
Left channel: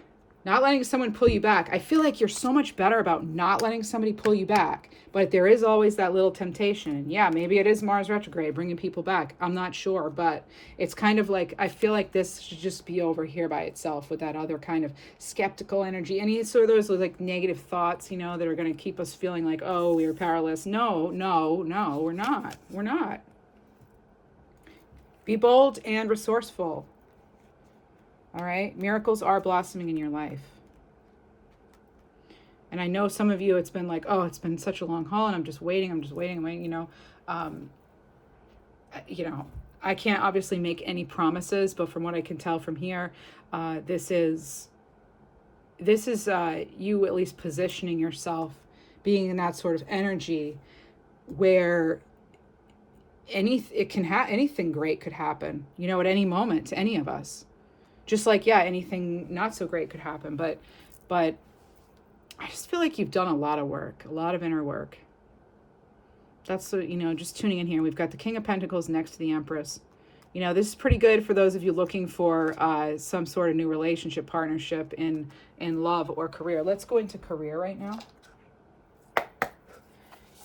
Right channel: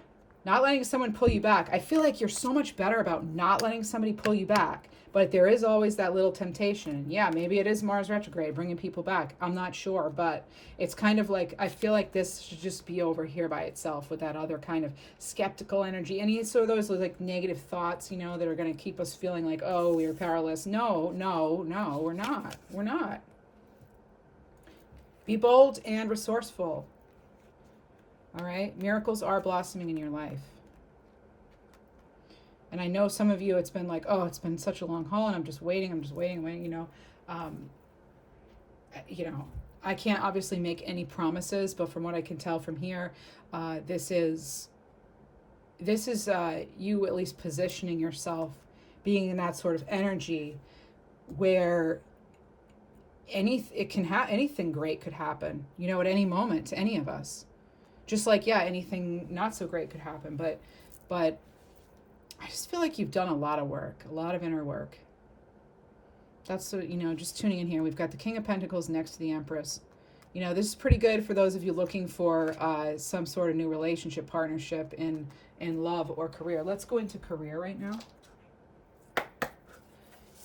not letting someone pull you back. I feel like you're so much better about not letting somebody pull you back, but there is always that little temptation. And yeah, maybe it is Mars retrograde bringing people back. I'm not sure, but it's kind of like, I feel like this should just be over here by itself with that other kind of skeptical energy. Any sort of those like negative thoughts, you know, that are going to keep us feeling like, oh, we're powerless. No, no, no, we're not. We're not. Be bold and resourceful. All right, miracles are blossoming in your life. And I know some of you, it's been like, oh, it's been such a long haul and I'm just waiting, you know. You know, I can't obviously make any promises, but from what I can tell from here, this is you at least positioning yourself, being in that sort of energy where anything great could happen, you know, at any moment to any of us. Just like, yeah, anything not so great could happen, but I just feel like you've done a lot of work, a lot of inner work. That's what, you know, just tuning in here. We've got the King of Pentacles next to the Empress. You know, this is pretty good for those of you looking for some sort of new relationship, partnership in love or career. Let's go into career right now.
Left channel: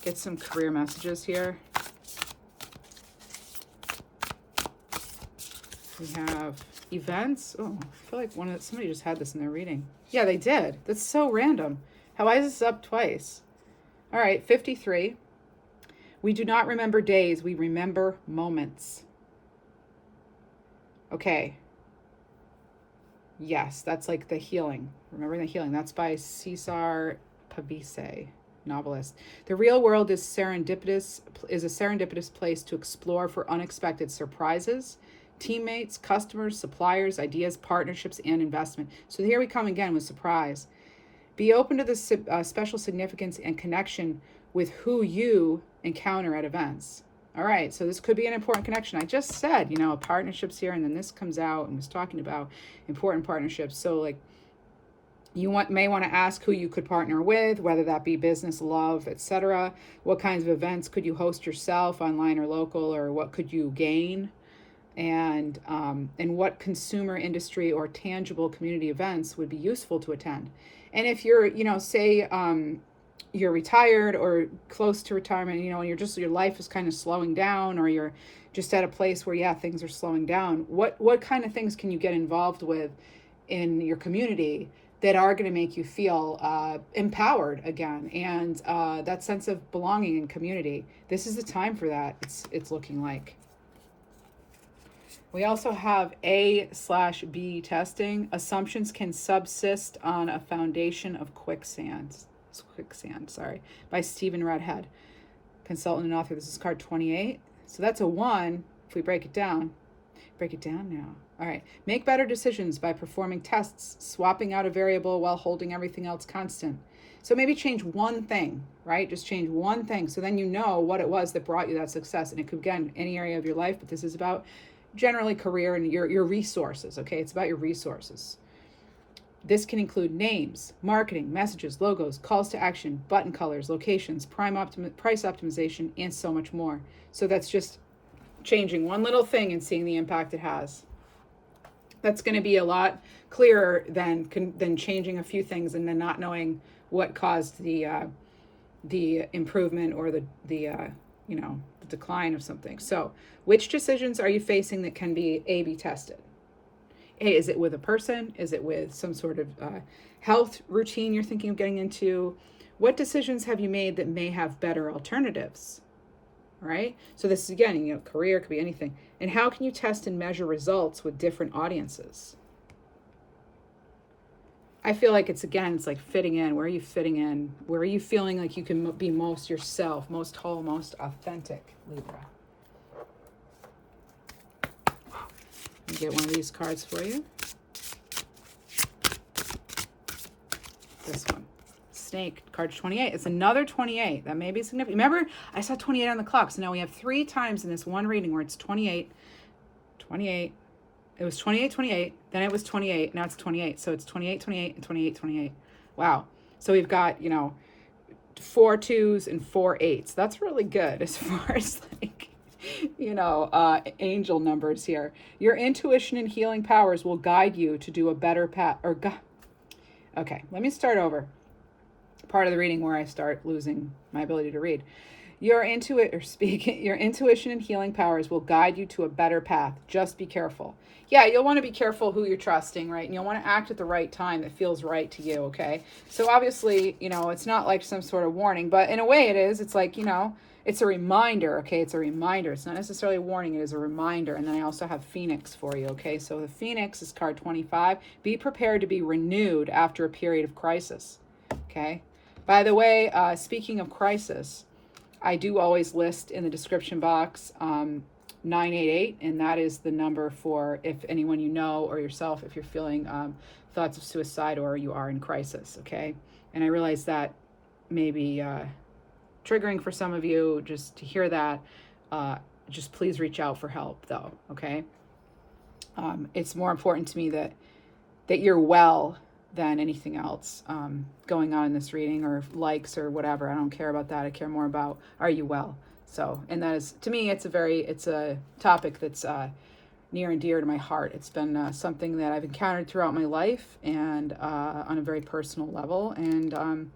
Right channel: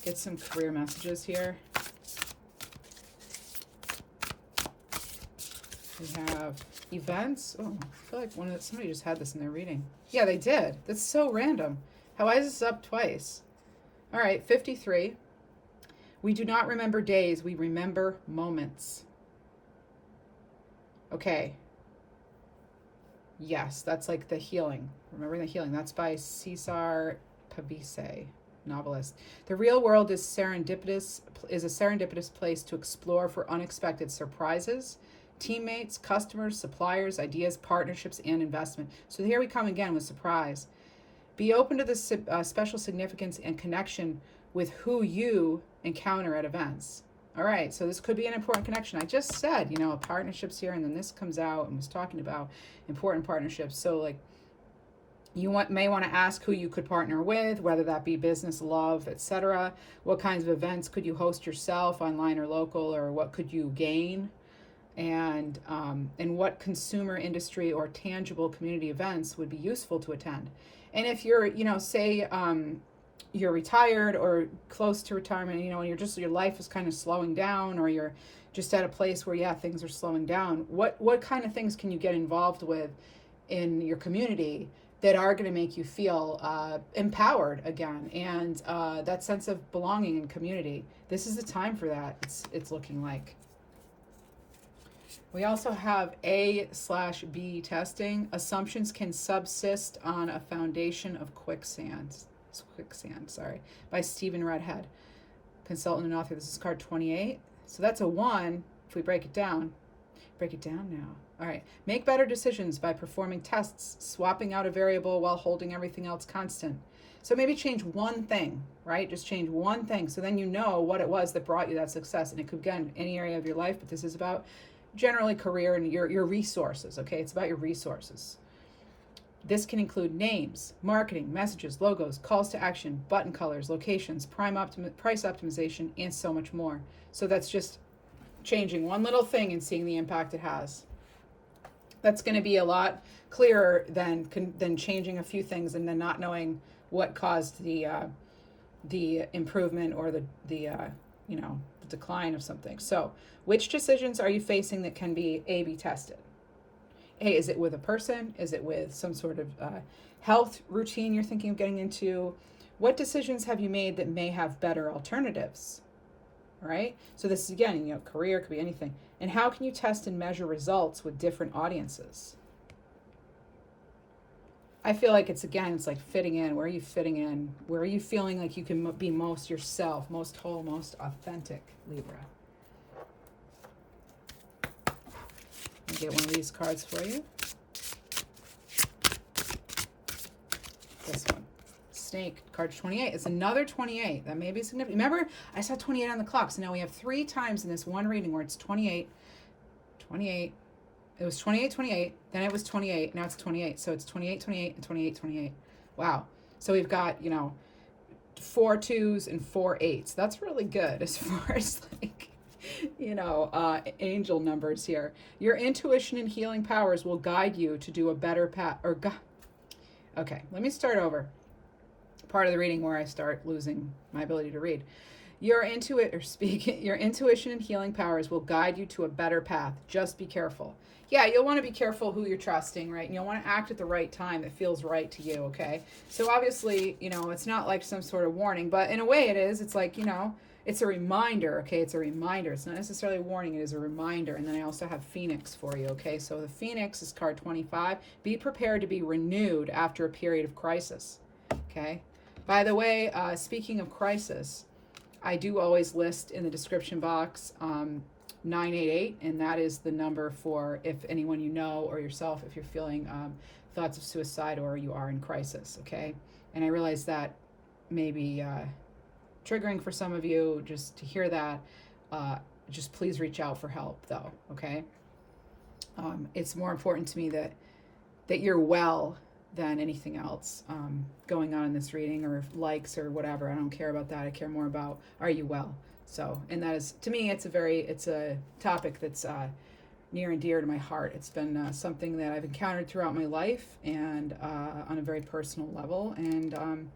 Get some career messages here. We have events. Oh, I feel like somebody just had this in their reading. Yeah, they did. That's so random. Why is this up twice? All right, 53. We do not remember days, we remember moments. Okay. Yes, that's like the healing. Remembering the healing. That's by Cesar Pavese, novelist. The real world is a serendipitous place to explore for unexpected surprises, teammates, customers, suppliers, ideas, partnerships, and investment. So here we come again with surprise. Be open to the special significance and connection with who you encounter at events. All right, so this could be an important connection. I just said, you know, partnerships here, and then this comes out and was talking about important partnerships. So like you may want to ask who you could partner with, whether that be business, love, etc. What kinds of events could you host yourself, online or local, or what could you gain? And what consumer industry or tangible community events would be useful to attend. And if you're, you know, say you're retired or close to retirement, you know, and your life is kind of slowing down, or you're just at a place where, yeah, things are slowing down, what kind of things can you get involved with in your community that are going to make you feel empowered again, and that sense of belonging in community? This is the time for that, it's looking like. We also have A/B testing. Assumptions can subsist on a foundation of quicksand, by Stephen Redhead, consultant and author. This is card 28. So that's a 1. If we break it down now. All right. Make better decisions by performing tests, swapping out a variable while holding everything else constant. So maybe change one thing, right? Just change one thing. So then you know what it was that brought you that success. And it could, again, any area of your life, but this is about generally career and your resources, okay? It's about your resources. This can include names, marketing, messages, logos, calls to action, button colors, locations, price optimization, and so much more. So that's just changing one little thing and seeing the impact it has. That's going to be a lot clearer than changing a few things and then not knowing what caused the improvement or the decline of something. So, which decisions are you facing that can be A/B tested? Hey, is it with a person? Is it with some sort of health routine you're thinking of getting into? What decisions have you made that may have better alternatives? Right? So this is, again, career, could be anything. And how can you test and measure results with different audiences? I feel like it's like fitting in. Where are you fitting in? Where are you feeling like you can be most yourself, most whole, most authentic, Libra? I'll get one of these cards for you. This one. Snake, card 28. It's another 28. That may be significant. Remember, I saw 28 on the clock. So now we have 3 times in this one reading where it's 28, 28. It was 28, 28. Then it was 28. Now it's 28. So it's 28, 28, and 28, 28. Wow. So we've got, 4 2s and 4 8s. That's really good as far as angel numbers here. Your intuition and healing powers will guide you to do a better path. Okay, let me start over. Part of the reading where I start losing my ability to read. Your intuition and healing powers will guide you to a better path. Just be careful. Yeah, you'll want to be careful who you're trusting, right? And you'll want to act at the right time that feels right to you, okay? So obviously, it's not like some sort of warning, but in a way it is. It's like, it's a reminder, okay? It's a reminder. It's not necessarily a warning. It is a reminder. And then I also have Phoenix for you, okay? So the Phoenix is card 25. Be prepared to be renewed after a period of crisis, okay? By the way, speaking of crisis, I do always list in the description box 988, and that is the number for if anyone you know or yourself, if you're feeling thoughts of suicide or you are in crisis, okay? And I realize that may be triggering for some of you just to hear that. Just please reach out for help, though, okay? It's more important to me that you're well than anything else going on in this reading, or likes or whatever. I don't care about that. I care more about, are you well? So, and that is, to me, it's a topic that's near and dear to my heart. It's been something that I've encountered throughout my life, and on a very personal level, and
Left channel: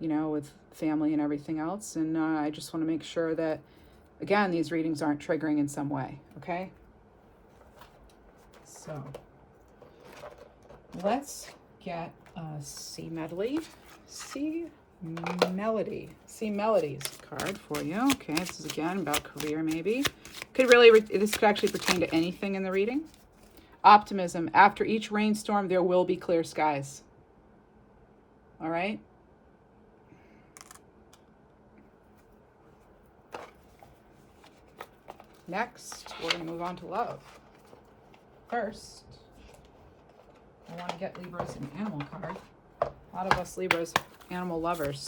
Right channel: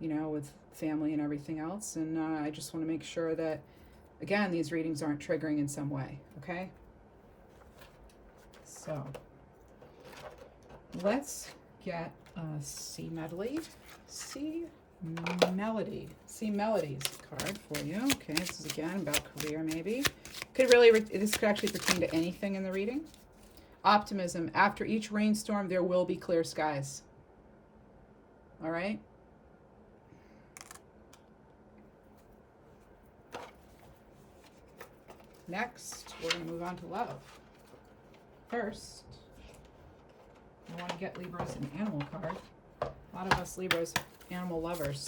with family and everything else. And I just want to make sure that, again, these readings aren't triggering in some way, okay? So, let's get a C Melodies card for you. Okay, this is again about career, maybe. This could actually pertain to anything in the reading. Optimism. After each rainstorm, there will be clear skies. All right? Next, we're going to move on to love. First, I want to get Libras an animal card. A lot of us Libras, animal lovers.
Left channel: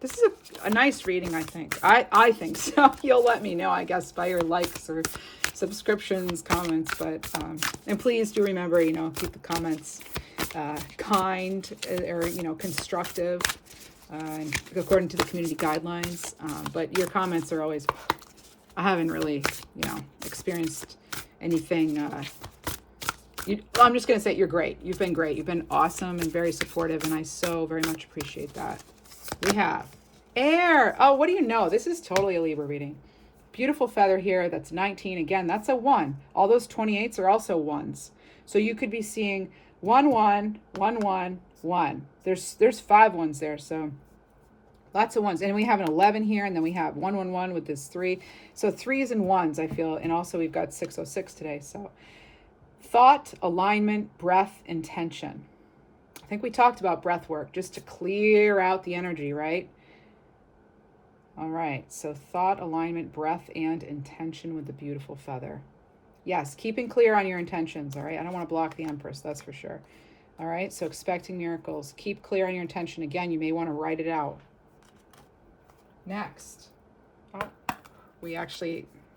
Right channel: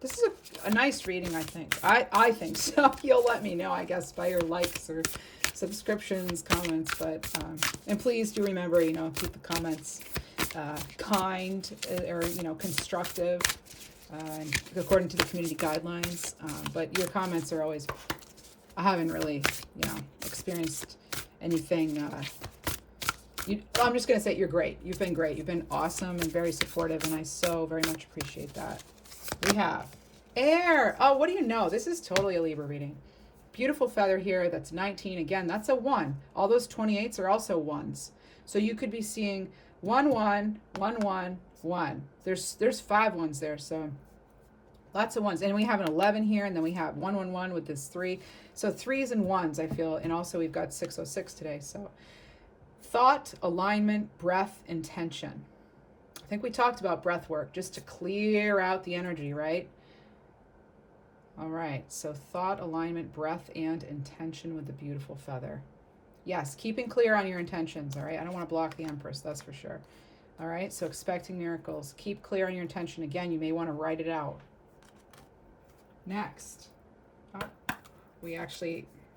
This is a nice reading, I think. I think so. You'll let me know, I guess, by your likes or subscriptions, comments. But and please do remember, keep the comments kind or constructive, according to the community guidelines. But your comments are always. I haven't really, experienced anything. I'm just going to say you're great. You've been great. You've been awesome and very supportive, and I so very much appreciate that. We have air. Oh, what do you know? This is totally a Libra reading. Beautiful feather here. That's 19. Again, that's a 1. All those 28s are also 1s. So you could be seeing 1, 1, 1, 1, 1. There's 5 ones there, so lots of ones. And we have an 11 here, and then we have 111 with this 3. So 3s and 1s, I feel. And also we've got 606 today. So thought, alignment, breath, intention. I think we talked about breath work just to clear out the energy, right? All right, so thought, alignment, breath, and intention with the beautiful feather. Yes, keeping clear on your intentions, all right? I don't want to block the Empress, that's for sure. All right, so expecting miracles. Keep clear on your intention. Again, you may want to write it out. Next, I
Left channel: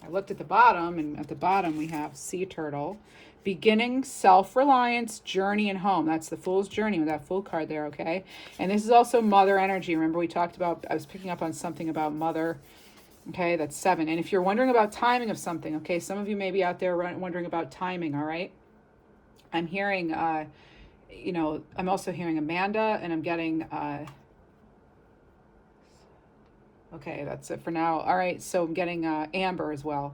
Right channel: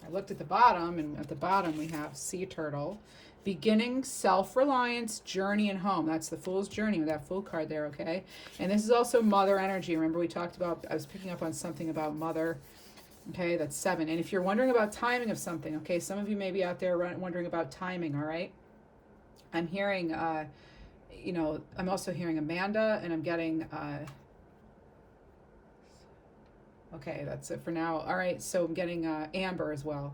looked at the bottom, and at the bottom we have Sea Turtle. Beginning, self-reliance, journey, and home. That's the Fool's Journey with that Fool card there, okay? And this is also mother energy. Remember we talked about, I was picking up on something about mother, okay? That's 7. And if you're wondering about timing of something, okay, some of you may be out there wondering about timing, all right? I'm hearing, you know, I'm also hearing Amanda, and I'm getting, okay, that's it for now. All right, so I'm getting Amber as well.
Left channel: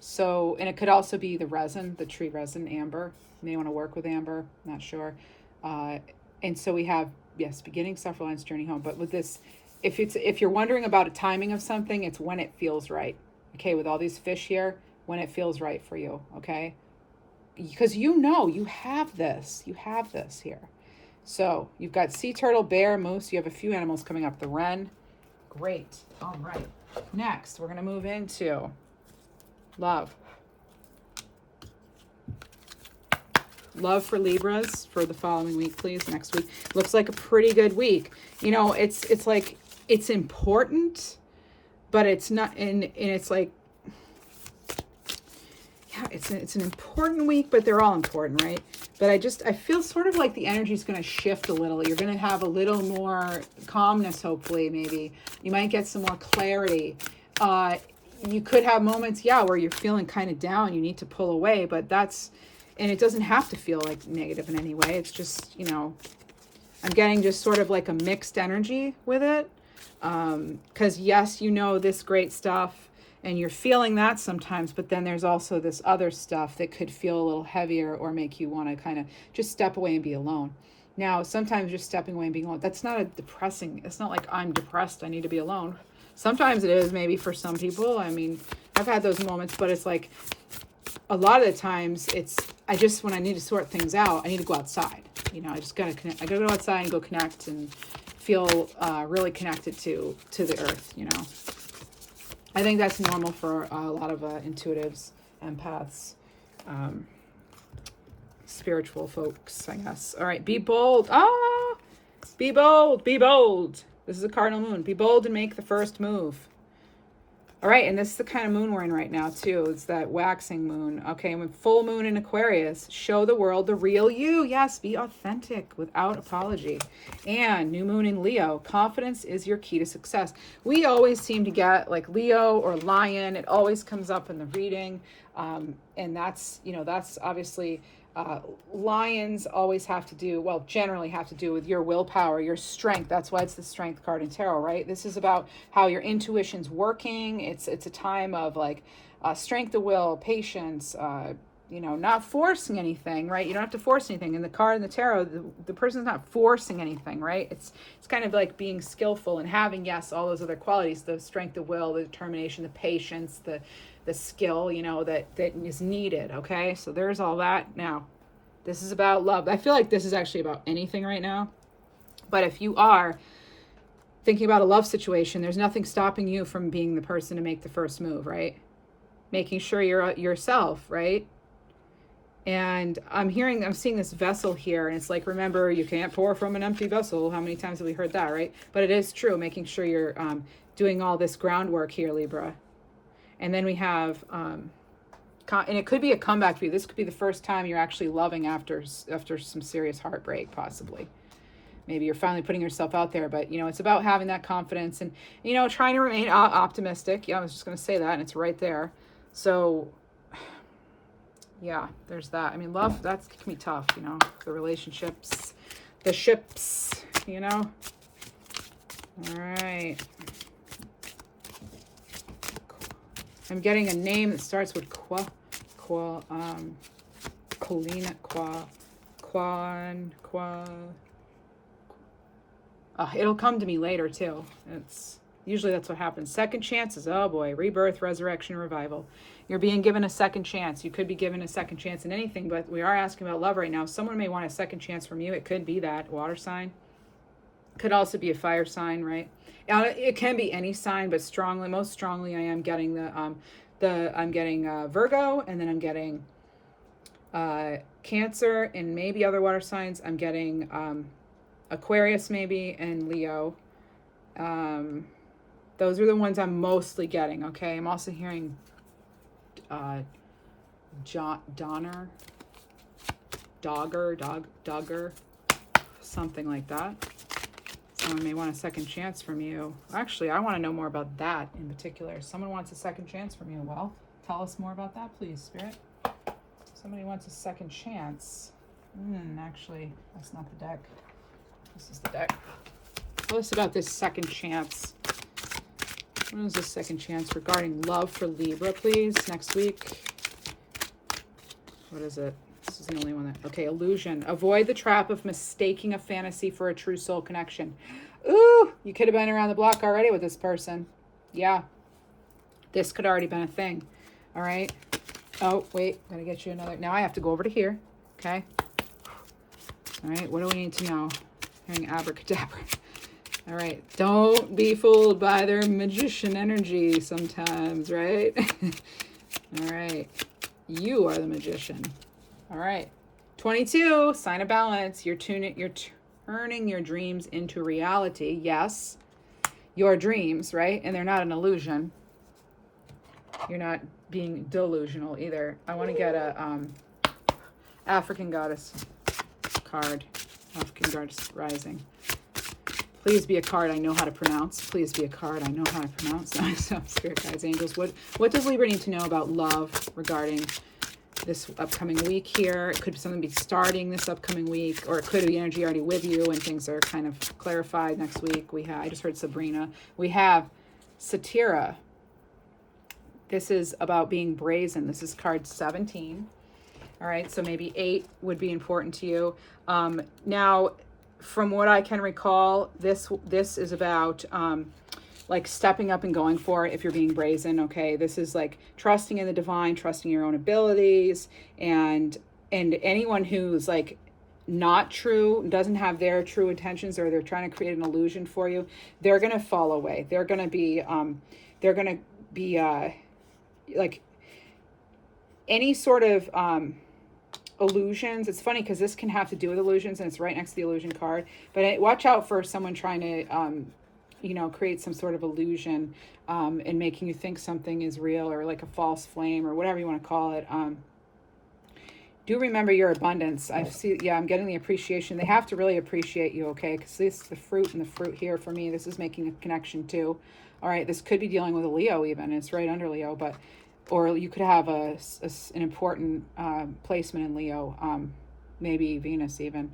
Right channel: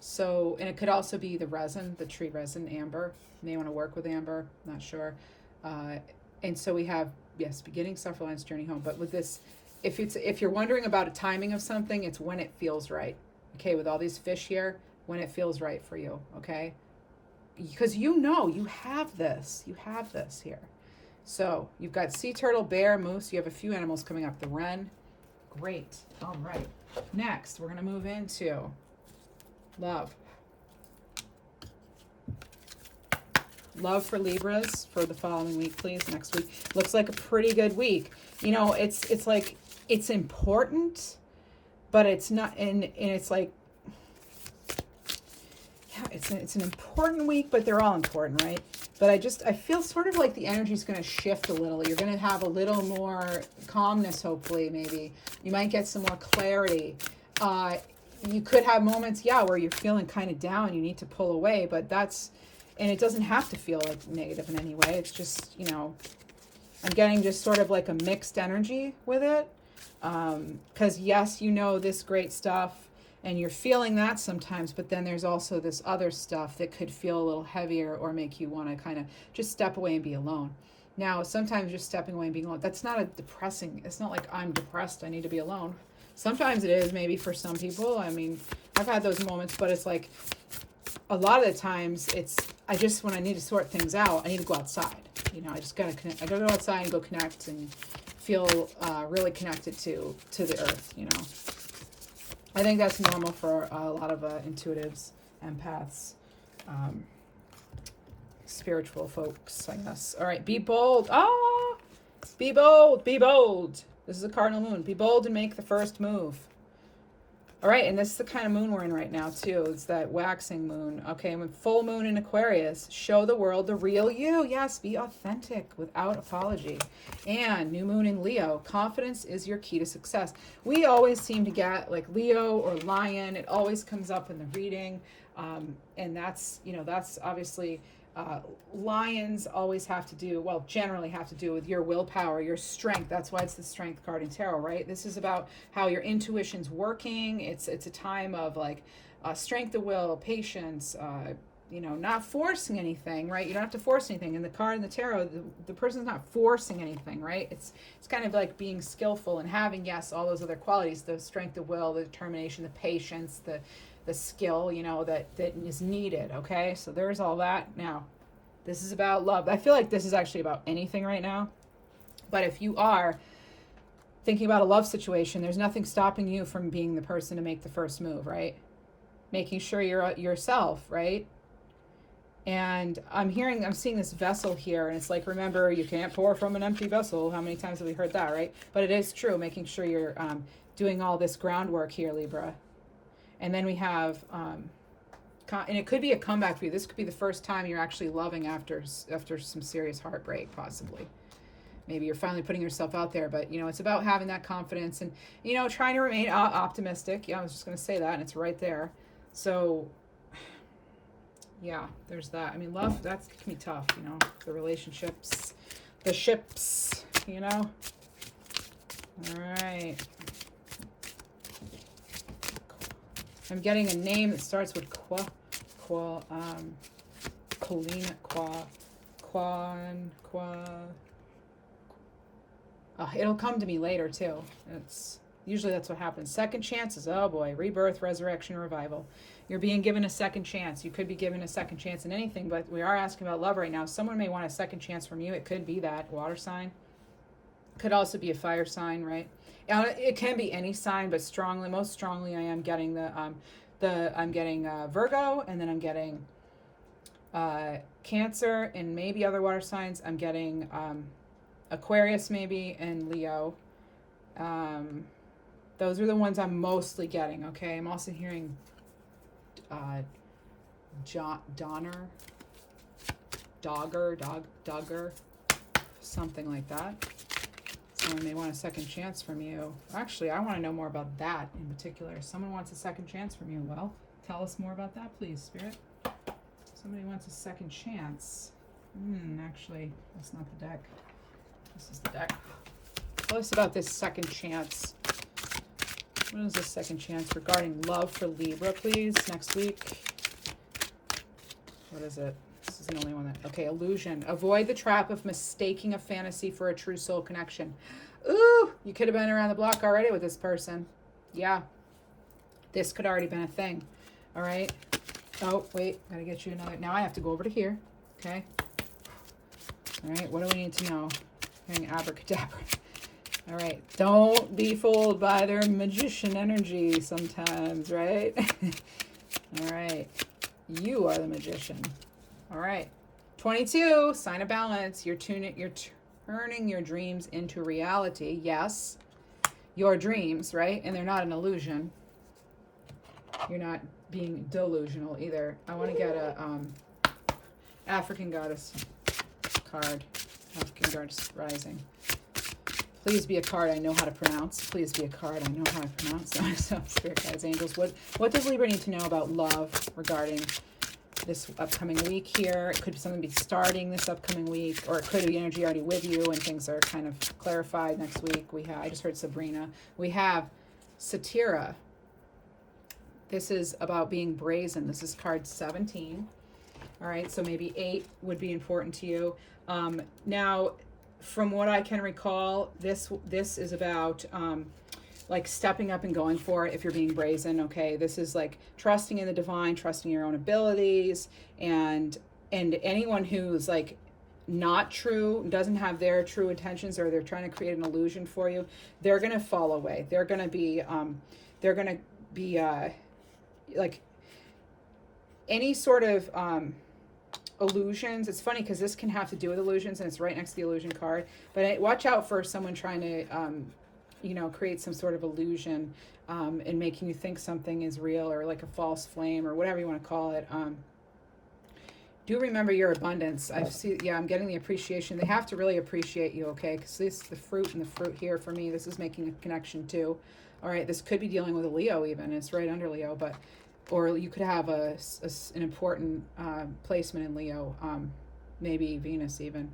So, and it could also be the resin, the tree resin, amber. You may want to work with amber, not sure. And so we have, yes, beginning, self-reliance, journey home. But with this, if you're wondering about a timing of something, it's when it feels right. Okay, with all these fish here, when it feels right for you, okay? Because you know you have this here. So you've got sea turtle, bear, moose. You have a few animals coming up. The wren. Great. All right. Next, we're going to move into love. Love for Libras for the following week, please. Next week looks like a pretty good week. You know, it's like it's important, but it's not. And it's like, yeah, it's an important week, but they're all important, right? But I feel sort of like the energy is going to shift a little. You're going to have a little more calmness, hopefully. Maybe you might get some more clarity. You could have moments, yeah, where you're feeling kind of down, you need to pull away, but and it doesn't have to feel like negative in any way. It's just, you know, I'm getting just sort of like a mixed energy with it. Because yes, you know this great stuff and you're feeling that sometimes, but then there's also this other stuff that could feel a little heavier or make you want to kind of just step away and be alone. Now, sometimes just stepping away and being alone, that's not it's not like I'm depressed, I need to be alone. Sometimes it is, maybe for some people. I mean, I've had those moments, but it's like a lot of the times when I need to sort things out, I need to go outside. You know, I gotta go outside and go connect and feel really connected to the earth, you know. I think that's normal for a lot of intuitives, empaths, spiritual folks, I guess. All right, be bold. Be bold, be bold. This is a cardinal moon. Be bold and make the first move. All right, and this is the kind of moon we're in right now, too. It's that waxing moon. Okay, with full moon in Aquarius, show the world the real you. Yes, be authentic without apology. And new moon in Leo, confidence is your key to success. We always seem to get like Leo or Lion. It always comes up in the reading. And that's, you know, that's obviously... lions always generally have to do with your willpower, your strength. That's why it's the strength card in tarot, right? This is about how your intuition's working. It's a time of like strength of will, patience, you know, not forcing anything, right? You don't have to force anything. In the card in the tarot, the person's not forcing anything, right? It's kind of like being skillful and having, yes, all those other qualities, the strength of will, the determination, the patience, the skill, you know, that is needed, okay? So there's all that. Now, this is about love. I feel like this is actually about anything right now. But if you are thinking about a love situation, there's nothing stopping you from being the person to make the first move, right? Making sure you're yourself, right? And I'm seeing this vessel here, and it's like, remember, you can't pour from an empty vessel. How many times have we heard that, right? But it is true, making sure you're doing all this groundwork here, Libra. And then we have, and it could be a comeback for you. This could be the first time you're actually loving after some serious heartbreak, possibly. Maybe you're finally putting yourself out there, but, you know, it's about having that confidence and, you know, trying to remain optimistic. Yeah, I was just going to say that, and it's right there. So, yeah, there's that. I mean, love, that can be tough, you know, the relationships, the ships, you know. All right. I'm getting a name that starts with It'll come to me later too. It's usually that's what happens. Second chances. Oh boy, rebirth, resurrection, revival. You're being given a second chance. You could be given a second chance in anything, but we are asking about love right now. Someone may want a second chance from you. It could be that water sign. Could also be a fire sign, right? It can be any sign, but most strongly, I am getting I'm getting Virgo, and then I'm getting Cancer, and maybe other water signs. I'm getting Aquarius maybe, and Leo. Those are the ones I'm mostly getting, okay? I'm also hearing Dogger, something like that. Someone may want a second chance from you. Actually, I want to know more about that in particular. Someone wants a second chance from you. Well, tell us more about that, please, Spirit. Somebody wants a second chance. Actually, that's not the deck. This is the deck. Tell us about this second chance. What is this second chance regarding love for Libra, please, next week? What is it? This is the only one that... Okay, illusion. Avoid the trap of mistaking a fantasy for a true soul connection. Ooh, you could have been around the block already with this person. Yeah. This could already been a thing. All right. Oh, wait. Gotta get you another... Now I have to go over to here. Okay. All right. What do we need to know? Hearing abracadabra. All right. Don't be fooled by their magician energy sometimes, right? All right. You are the magician. All right. 22, sign of balance. You're turning your dreams into reality. Yes. Your dreams, right? And they're not an illusion. You're not being delusional either. I want to get a African Goddess card. African Goddess Rising. Please be a card I know how to pronounce. Please be a card I know how to pronounce. So, Spirit Guides, Angels, what does Libra need to know about love regarding this upcoming week here? It could something be starting this upcoming week, or it could be energy already with you and things are kind of clarified next week. I just heard Sabrina. We have Satira. This is about being brazen. This is card 17. All right, so maybe 8 would be important to you. Now, from what I can recall, this is about like stepping up and going for it if you're being brazen, okay? This is like trusting in the divine, trusting your own abilities, and anyone who's like not true, doesn't have their true intentions, or they're trying to create an illusion for you, they're going to fall away. They're going to be like any sort of illusions. It's funny because this can have to do with illusions, and it's right next to the illusion card, but watch out for someone trying to create some sort of illusion and making you think something is real, or like a false flame, or whatever you want to call it. Do remember your abundance. I'm getting the appreciation. They have to really appreciate you, okay? Because this the fruit here for me. This is making a connection too. All right, this could be dealing with a Leo even. It's right under Leo, or you could have an important placement in Leo, maybe Venus even.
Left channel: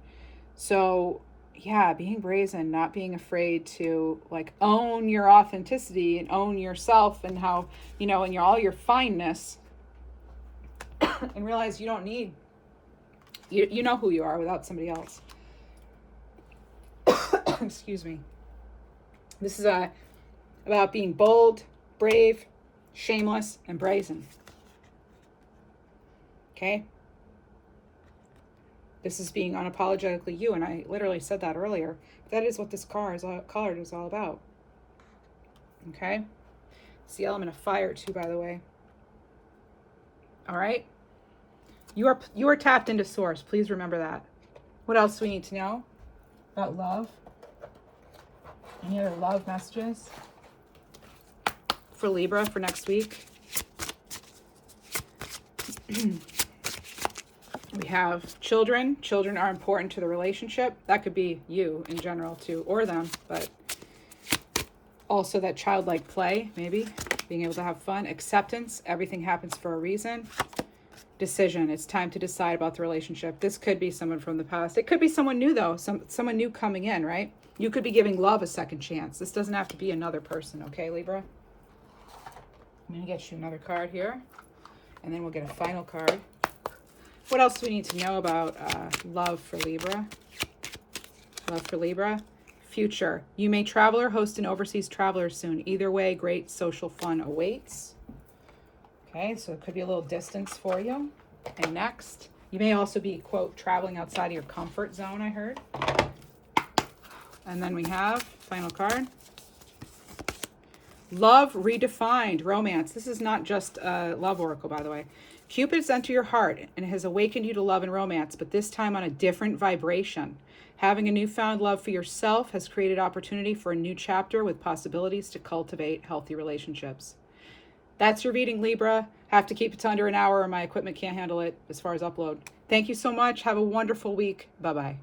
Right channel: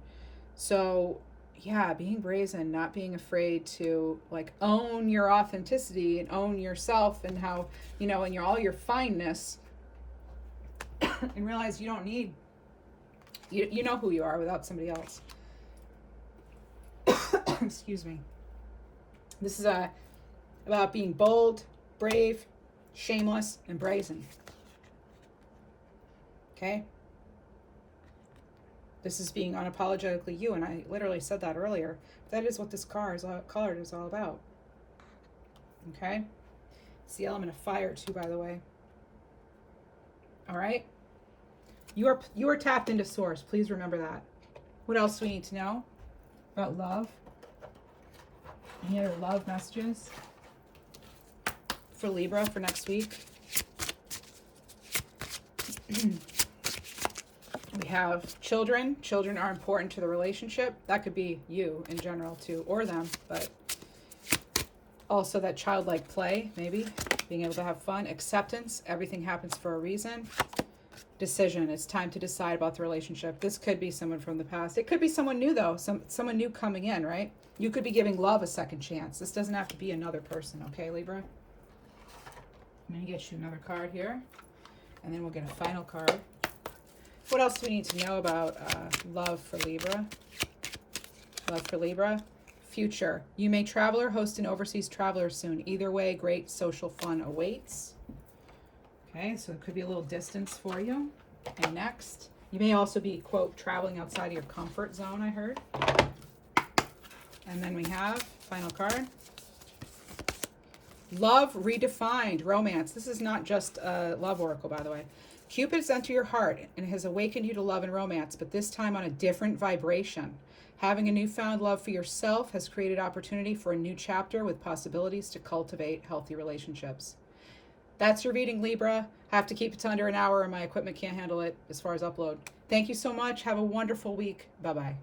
So yeah, being brazen, not being afraid to like own your authenticity and own yourself, and how, and all your fineness, and realize you don't need, you know who you are without somebody else. Excuse me. This is about being bold, brave, shameless, and brazen. Okay? This is being unapologetically you, and I literally said that earlier. That is what this card is all about. Okay? It's the element of fire too, by the way. All right? You are tapped into source. Please remember that. What else do we need to know about love? Any other love messages for Libra for next week? We have children. Children are important to the relationship. That could be you in general too, or them, but also that childlike play, maybe being able to have fun. Acceptance. Everything happens for a reason. Decision. It's time to decide about the relationship. This could be someone from the past. It could be someone new though. Someone new coming in, right? You could be giving love a second chance. This doesn't have to be another person, okay, Libra? I'm gonna get you another card here, and then we'll get a final card. What else do we need to know about love for Libra? Love for Libra. Future. You may travel or host an overseas traveler soon. Either way, great social fun awaits. Okay, so it could be a little distance for you. And next, you may also be, quote, traveling outside of your comfort zone, I heard. And then we have, final card, Love Redefined, Romance. This is not just a love oracle, by the way. Cupid's entered your heart and has awakened you to love and romance, but this time on a different vibration. Having a newfound love for yourself has created opportunity for a new chapter with possibilities to cultivate healthy relationships. That's your reading, Libra. Have to keep it to under an hour or my equipment can't handle it as far as upload. Thank you so much. Have a wonderful week. Bye-bye.